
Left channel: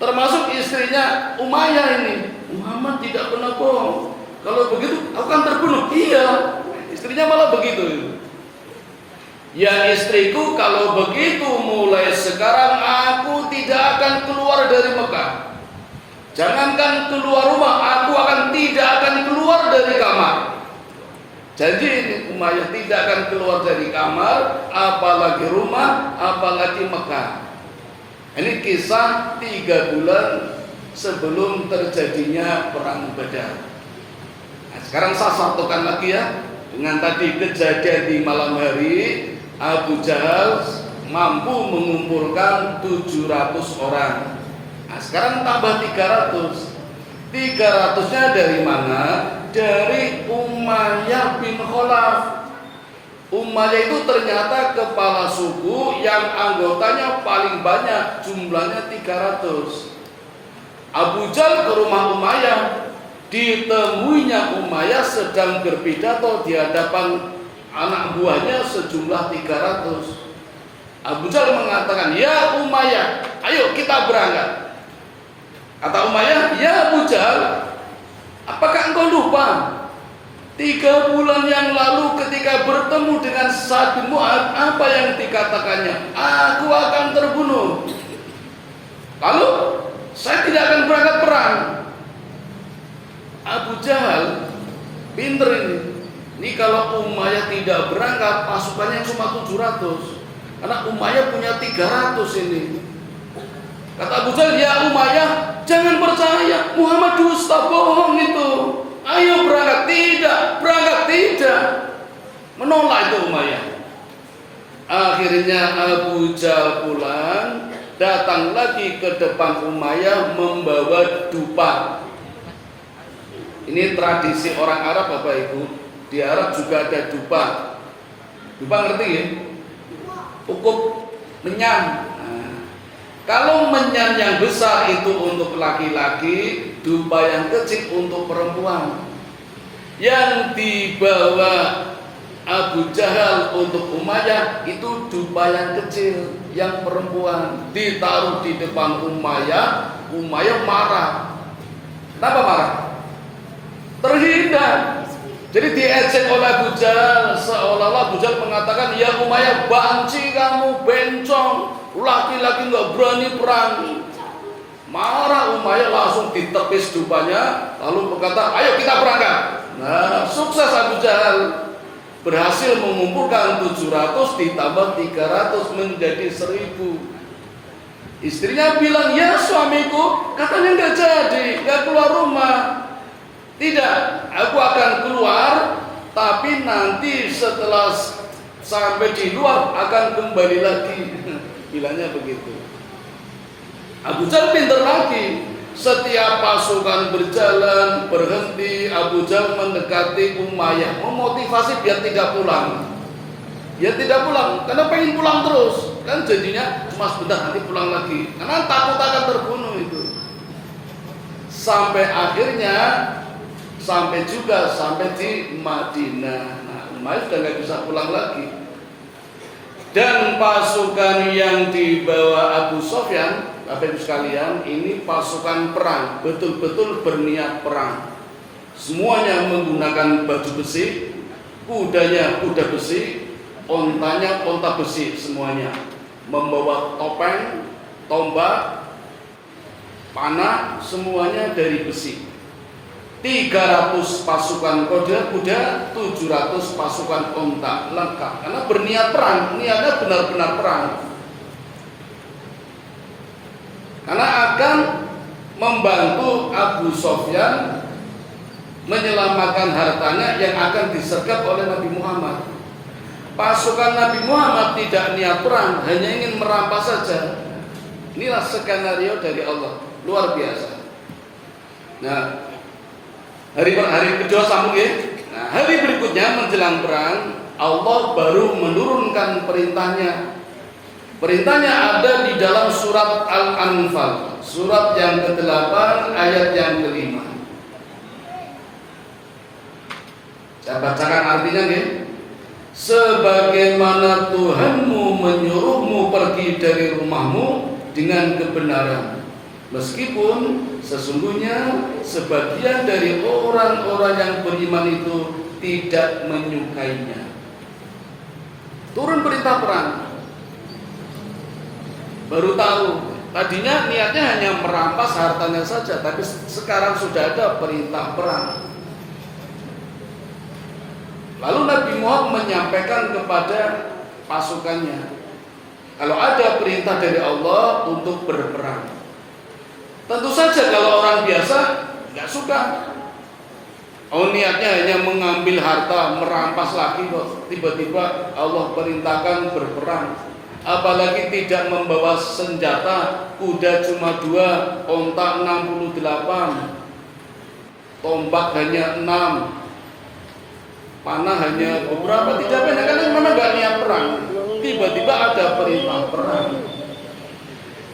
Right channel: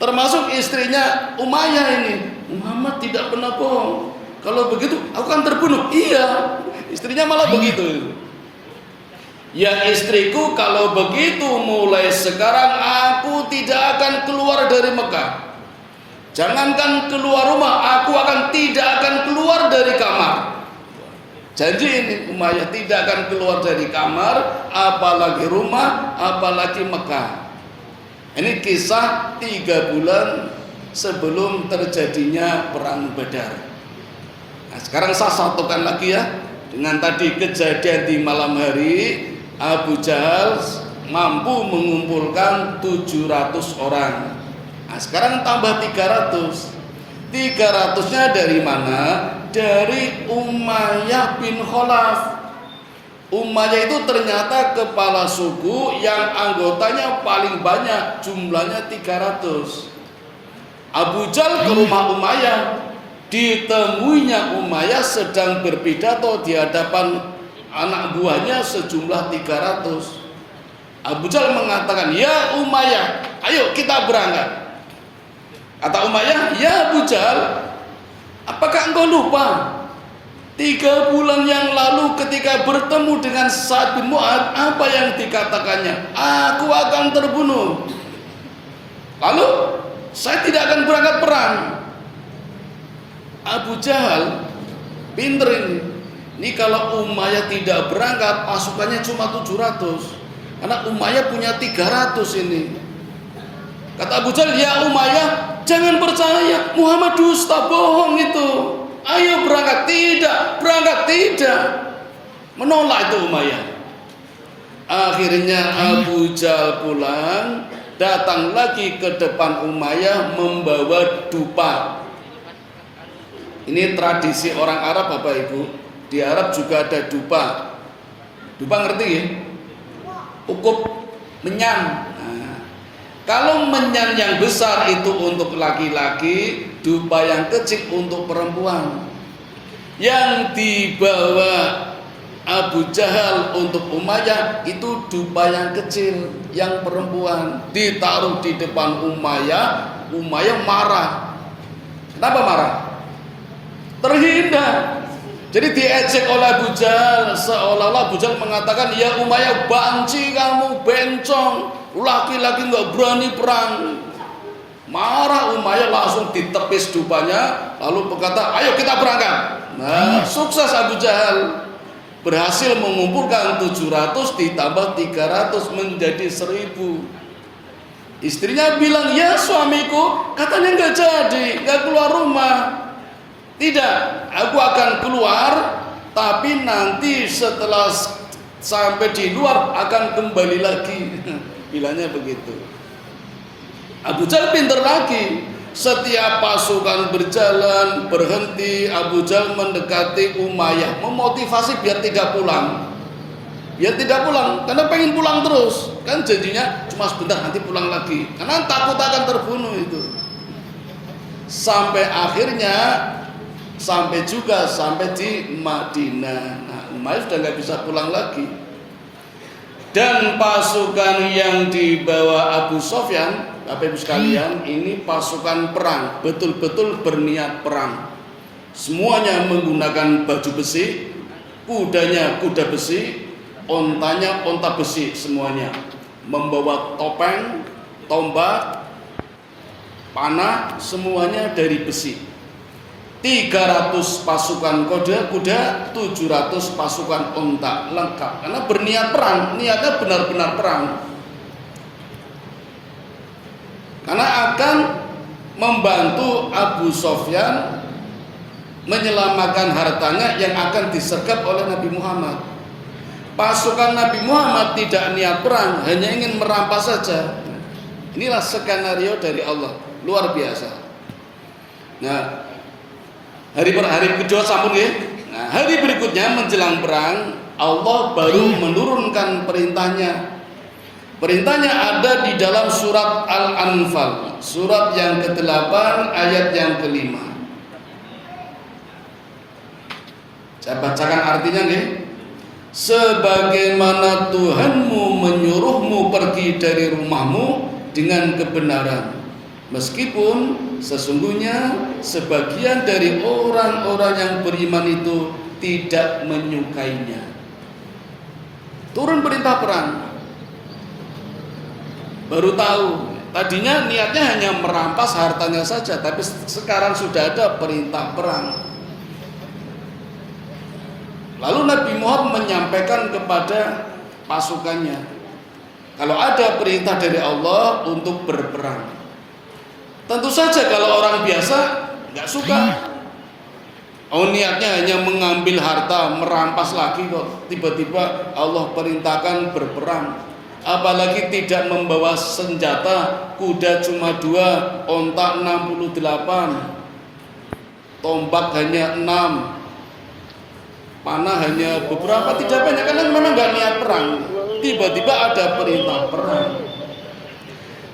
Termasuk istrinya Umayyah ini, Muhammad tidak pernah bohong. Kalau begitu aku akan terbunuh. Iya, istrinya malah begitu. Ya istriku, kalau begitu mulai sekarang aku tidak akan keluar dari Mekah. Jangankan keluar rumah, aku tidak akan keluar dari kamar. Janji ini Umayyah tidak akan keluar dari kamar, apalagi rumah, apalagi Mekah. Ini kisah 3 bulan sebelum terjadinya perang Badar. Nah, sekarang saya satukan lagi ya dengan tadi kejadian di malam hari. Abu Jahal mampu mengumpulkan 700 orang. Nah, sekarang tambah 300. 300-nya dari mana? Dari Umayyah bin Khalaf. Umayyah itu ternyata kepala suku yang anggotanya paling banyak, jumlahnya 300. Abu Jahal ke rumah Umayyah, ditemuinya Umayyah sedang berpidato di hadapan anak buahnya sejumlah 300. Abu Jahal mengatakan, "Ya Umayyah, ayo kita berangkat." Kata Umayyah, "Ya Abu Jahal, apakah engkau lupa 3 bulan yang lalu ketika bertemu dengan Sa'ad bin Mu'adz, apa yang dikatakannya? Aku akan terbunuh. Lalu saya tidak akan berangkat perang." Abu Jahal pinter ini. Ini kalau Umayyah tidak berangkat, pasukannya cuma 700. Karena Umayyah punya 300 ini. Kata Abu Jahal, "Ya Umayyah, jangan percaya, Muhammad dusta, bohong itu. Ayo berangkat." "Tidak, berangkat tidak." Menolak itu Umayyah. Akhirnya Abu Jahal pulang, datang lagi ke depan Umayyah membawa dupa. Ini tradisi orang Arab Bapak Ibu. Di Arab juga ada dupa. Dupa ngerti ya? Ukup menyan. Nah, kalau menyan yang besar itu untuk laki-laki, dupa yang kecil untuk perempuan. Yang dibawa Abu Jahal untuk Umayyah itu dupa yang kecil, yang perempuan. Ditaruh di depan Umayyah, Umayyah marah. Kenapa marah? Terhina. Jadi diejek oleh Abu Jahal, seolah-olah Abu Jahal mengatakan, "Ya Umayyah, banci kamu, bencong, laki-laki nggak berani perang." Marah Umayyah, langsung ditepis dupanya, lalu berkata, "Ayo kita berangkat." Nah, sukses Abu Jahal, berhasil mengumpulkan 700 ditambah 300 menjadi 1000. Istrinya bilang, "Ya suamiku, katanya nggak jadi, nggak keluar rumah." "Tidak, aku akan keluar, tapi nanti setelah sampai di luar akan kembali lagi." Bilangnya begitu. Abu Jahal pintar lagi. Setiap pasukan berjalan, berhenti, Abu Jahal mendekati Umayyah, memotivasi biar tidak pulang. Biar tidak pulang, karena pengen pulang terus. Kan jadinya cuma sebentar, nanti pulang lagi. Karena takut akan terbunuh itu. Sampai akhirnya sampai di Madinah. Nah, Umayyah sudah nggak bisa pulang lagi. Dan pasukan yang dibawa Abu Sufyan, Bapak Ibu sekalian, ini pasukan perang, betul-betul berniat perang. Semuanya menggunakan baju besi, kudanya kuda besi, ontanya onta besi, semuanya membawa topeng, tombak, panah, semuanya dari besi. 300 pasukan kuda, 700 pasukan unta, lengkap. Karena berniat perang, niatnya benar-benar perang. Karena akan membantu Abu Sufyan menyelamatkan hartanya yang akan disergap oleh Nabi Muhammad. Pasukan Nabi Muhammad tidak niat perang, hanya ingin merampas saja. Inilah skenario dari Allah, luar biasa. Nah, hari kedua sambung ya. Nah, hari berikutnya menjelang perang, Allah baru menurunkan perintahnya. Perintahnya ada di dalam surat Al-Anfal, surat yang ke-8 ayat yang ke-5. Saya bacakan artinya nggih. Sebagaimana Tuhanmu menyuruhmu pergi dari rumahmu dengan kebenaran, meskipun sesungguhnya sebagian dari orang-orang yang beriman itu tidak menyukainya. Turun perintah perang. Baru tahu, tadinya niatnya hanya merampas hartanya saja, tapi sekarang sudah ada perintah perang. Lalu Nabi Muhammad menyampaikan kepada pasukannya, kalau ada perintah dari Allah untuk berperang. Tentu saja kalau orang biasa nggak suka. Oh, niatnya hanya mengambil harta, merampas lagi kok. Tiba-tiba Allah perintahkan berperang. Apalagi tidak membawa senjata, kuda cuma 2, onta 68, tombak hanya 6, panah hanya beberapa, tidak banyak, karena memang gak niat perang. Tiba-tiba ada perintah perang.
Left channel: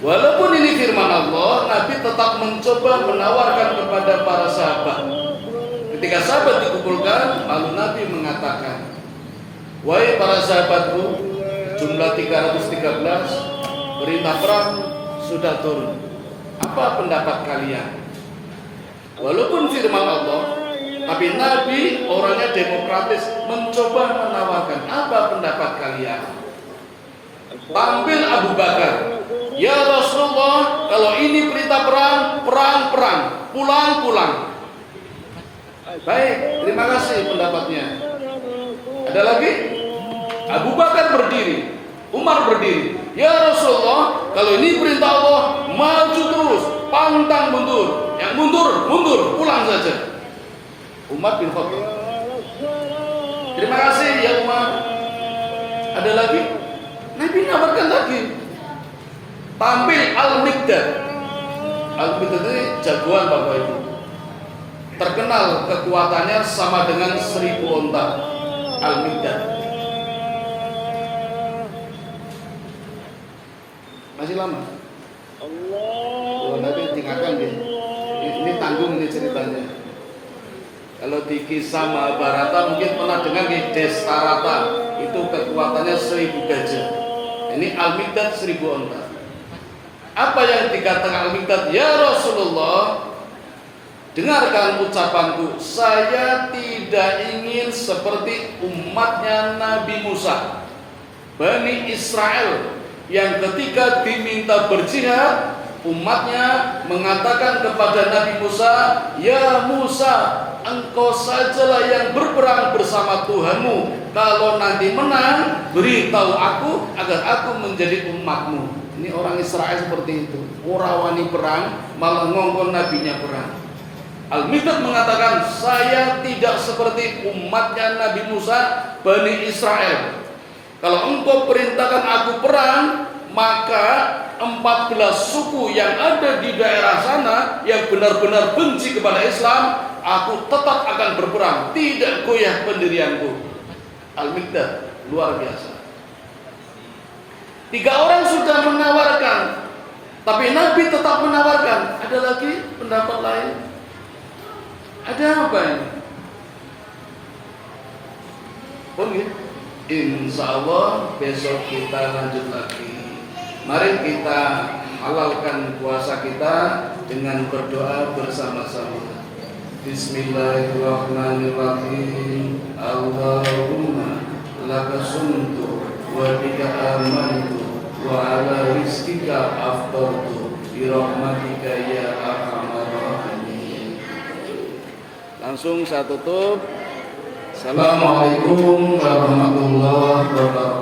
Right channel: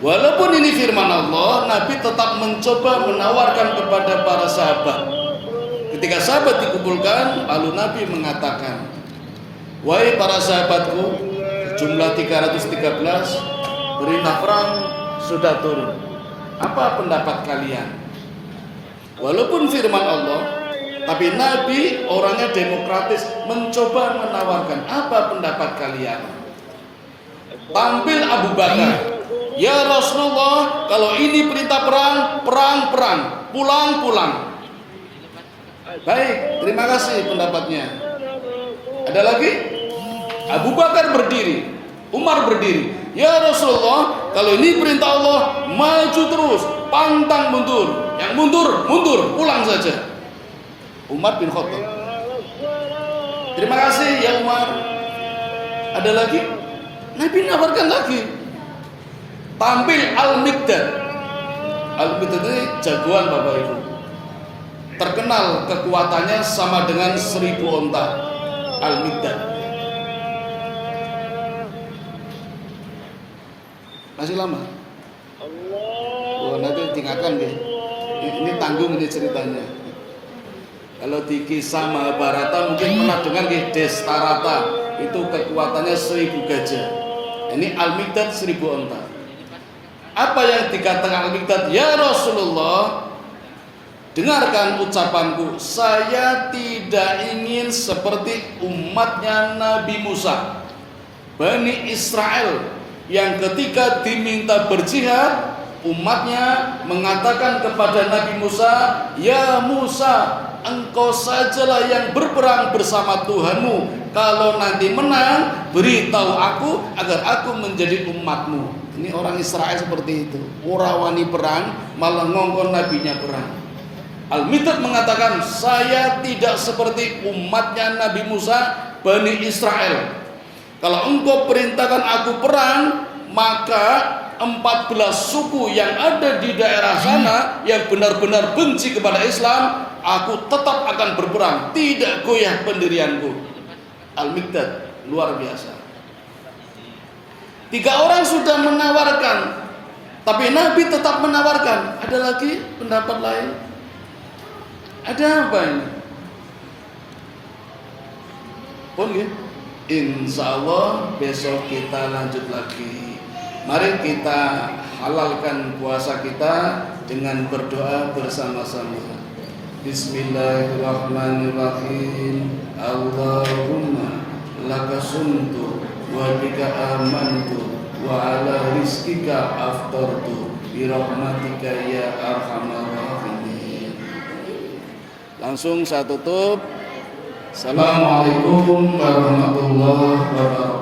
Walaupun ini firman Allah, Nabi tetap mencoba menawarkan kepada para sahabat. Ketika sahabat dikumpulkan, lalu Nabi mengatakan, wahai para sahabatku, jumlah 313, perintah perang sudah turun. Apa pendapat kalian? Walaupun firman Allah, tapi Nabi orangnya demokratis, mencoba menawarkan, apa pendapat kalian? Tampil Abu Bakar, ya Rasulullah, kalau ini perintah perang, perang, pulang. Baik, terima kasih pendapatnya. Ada lagi? Abu Bakar berdiri, Umar berdiri, ya Rasulullah, kalau ini perintah Allah, maju terus, pantang mundur, yang mundur, pulang saja. Umar bin Khattab, terima kasih ya Umar. Ada lagi? Nabi nawarkan lagi. Tampil Al-Miqdad. Al-Miqdad ini jagoan Bapak Ibu, terkenal kekuatannya sama dengan 1000 onta. Al-Miqdad masih lama. Oh, nanti tinggalkan dia. Ini tanggung ini ceritanya. Kalau di kisah Mahabharata mungkin pernah dengar di Desarata, itu kekuatannya 1000 gajah. Ini Al-Miqdad 1000 onta. Apa yang dikatakan Al-Miqdad? Ya Rasulullah, dengarkan ucapanku, saya tidak ingin seperti umatnya Nabi Musa, Bani Israel, yang ketika diminta berjihad, umatnya mengatakan kepada Nabi Musa, ya Musa, engkau sajalah yang berperang bersama Tuhanmu. Kalau nanti menang, beritahu aku agar aku menjadi umatmu. Ini orang Israel seperti itu. Orang wani perang, malah ngongkon nabinya perang. Al-Miqdad mengatakan, saya tidak seperti umatnya Nabi Musa, Bani Israel. Kalau engkau perintahkan aku perang, maka 14 suku yang ada di daerah sana yang benar-benar benci kepada Islam, aku tetap akan berperang, tidak goyah pendirianku. Al-Miqdad luar biasa. 3 orang sudah menawarkan, tapi Nabi tetap menawarkan. Ada lagi pendapat lain? Ada apa ini? Oh ya, insya Allah besok kita lanjut lagi. Mari kita halalkan puasa kita dengan berdoa bersama-sama. Bismillahirrahmanirrahim. Allahumma laka sumtu wa bika amantu wa ala rizkika aftartu bi rahmatika ya arhamar rahimin. Langsung saya tutup. Assalamualaikum warahmatullahi wabarakatuh.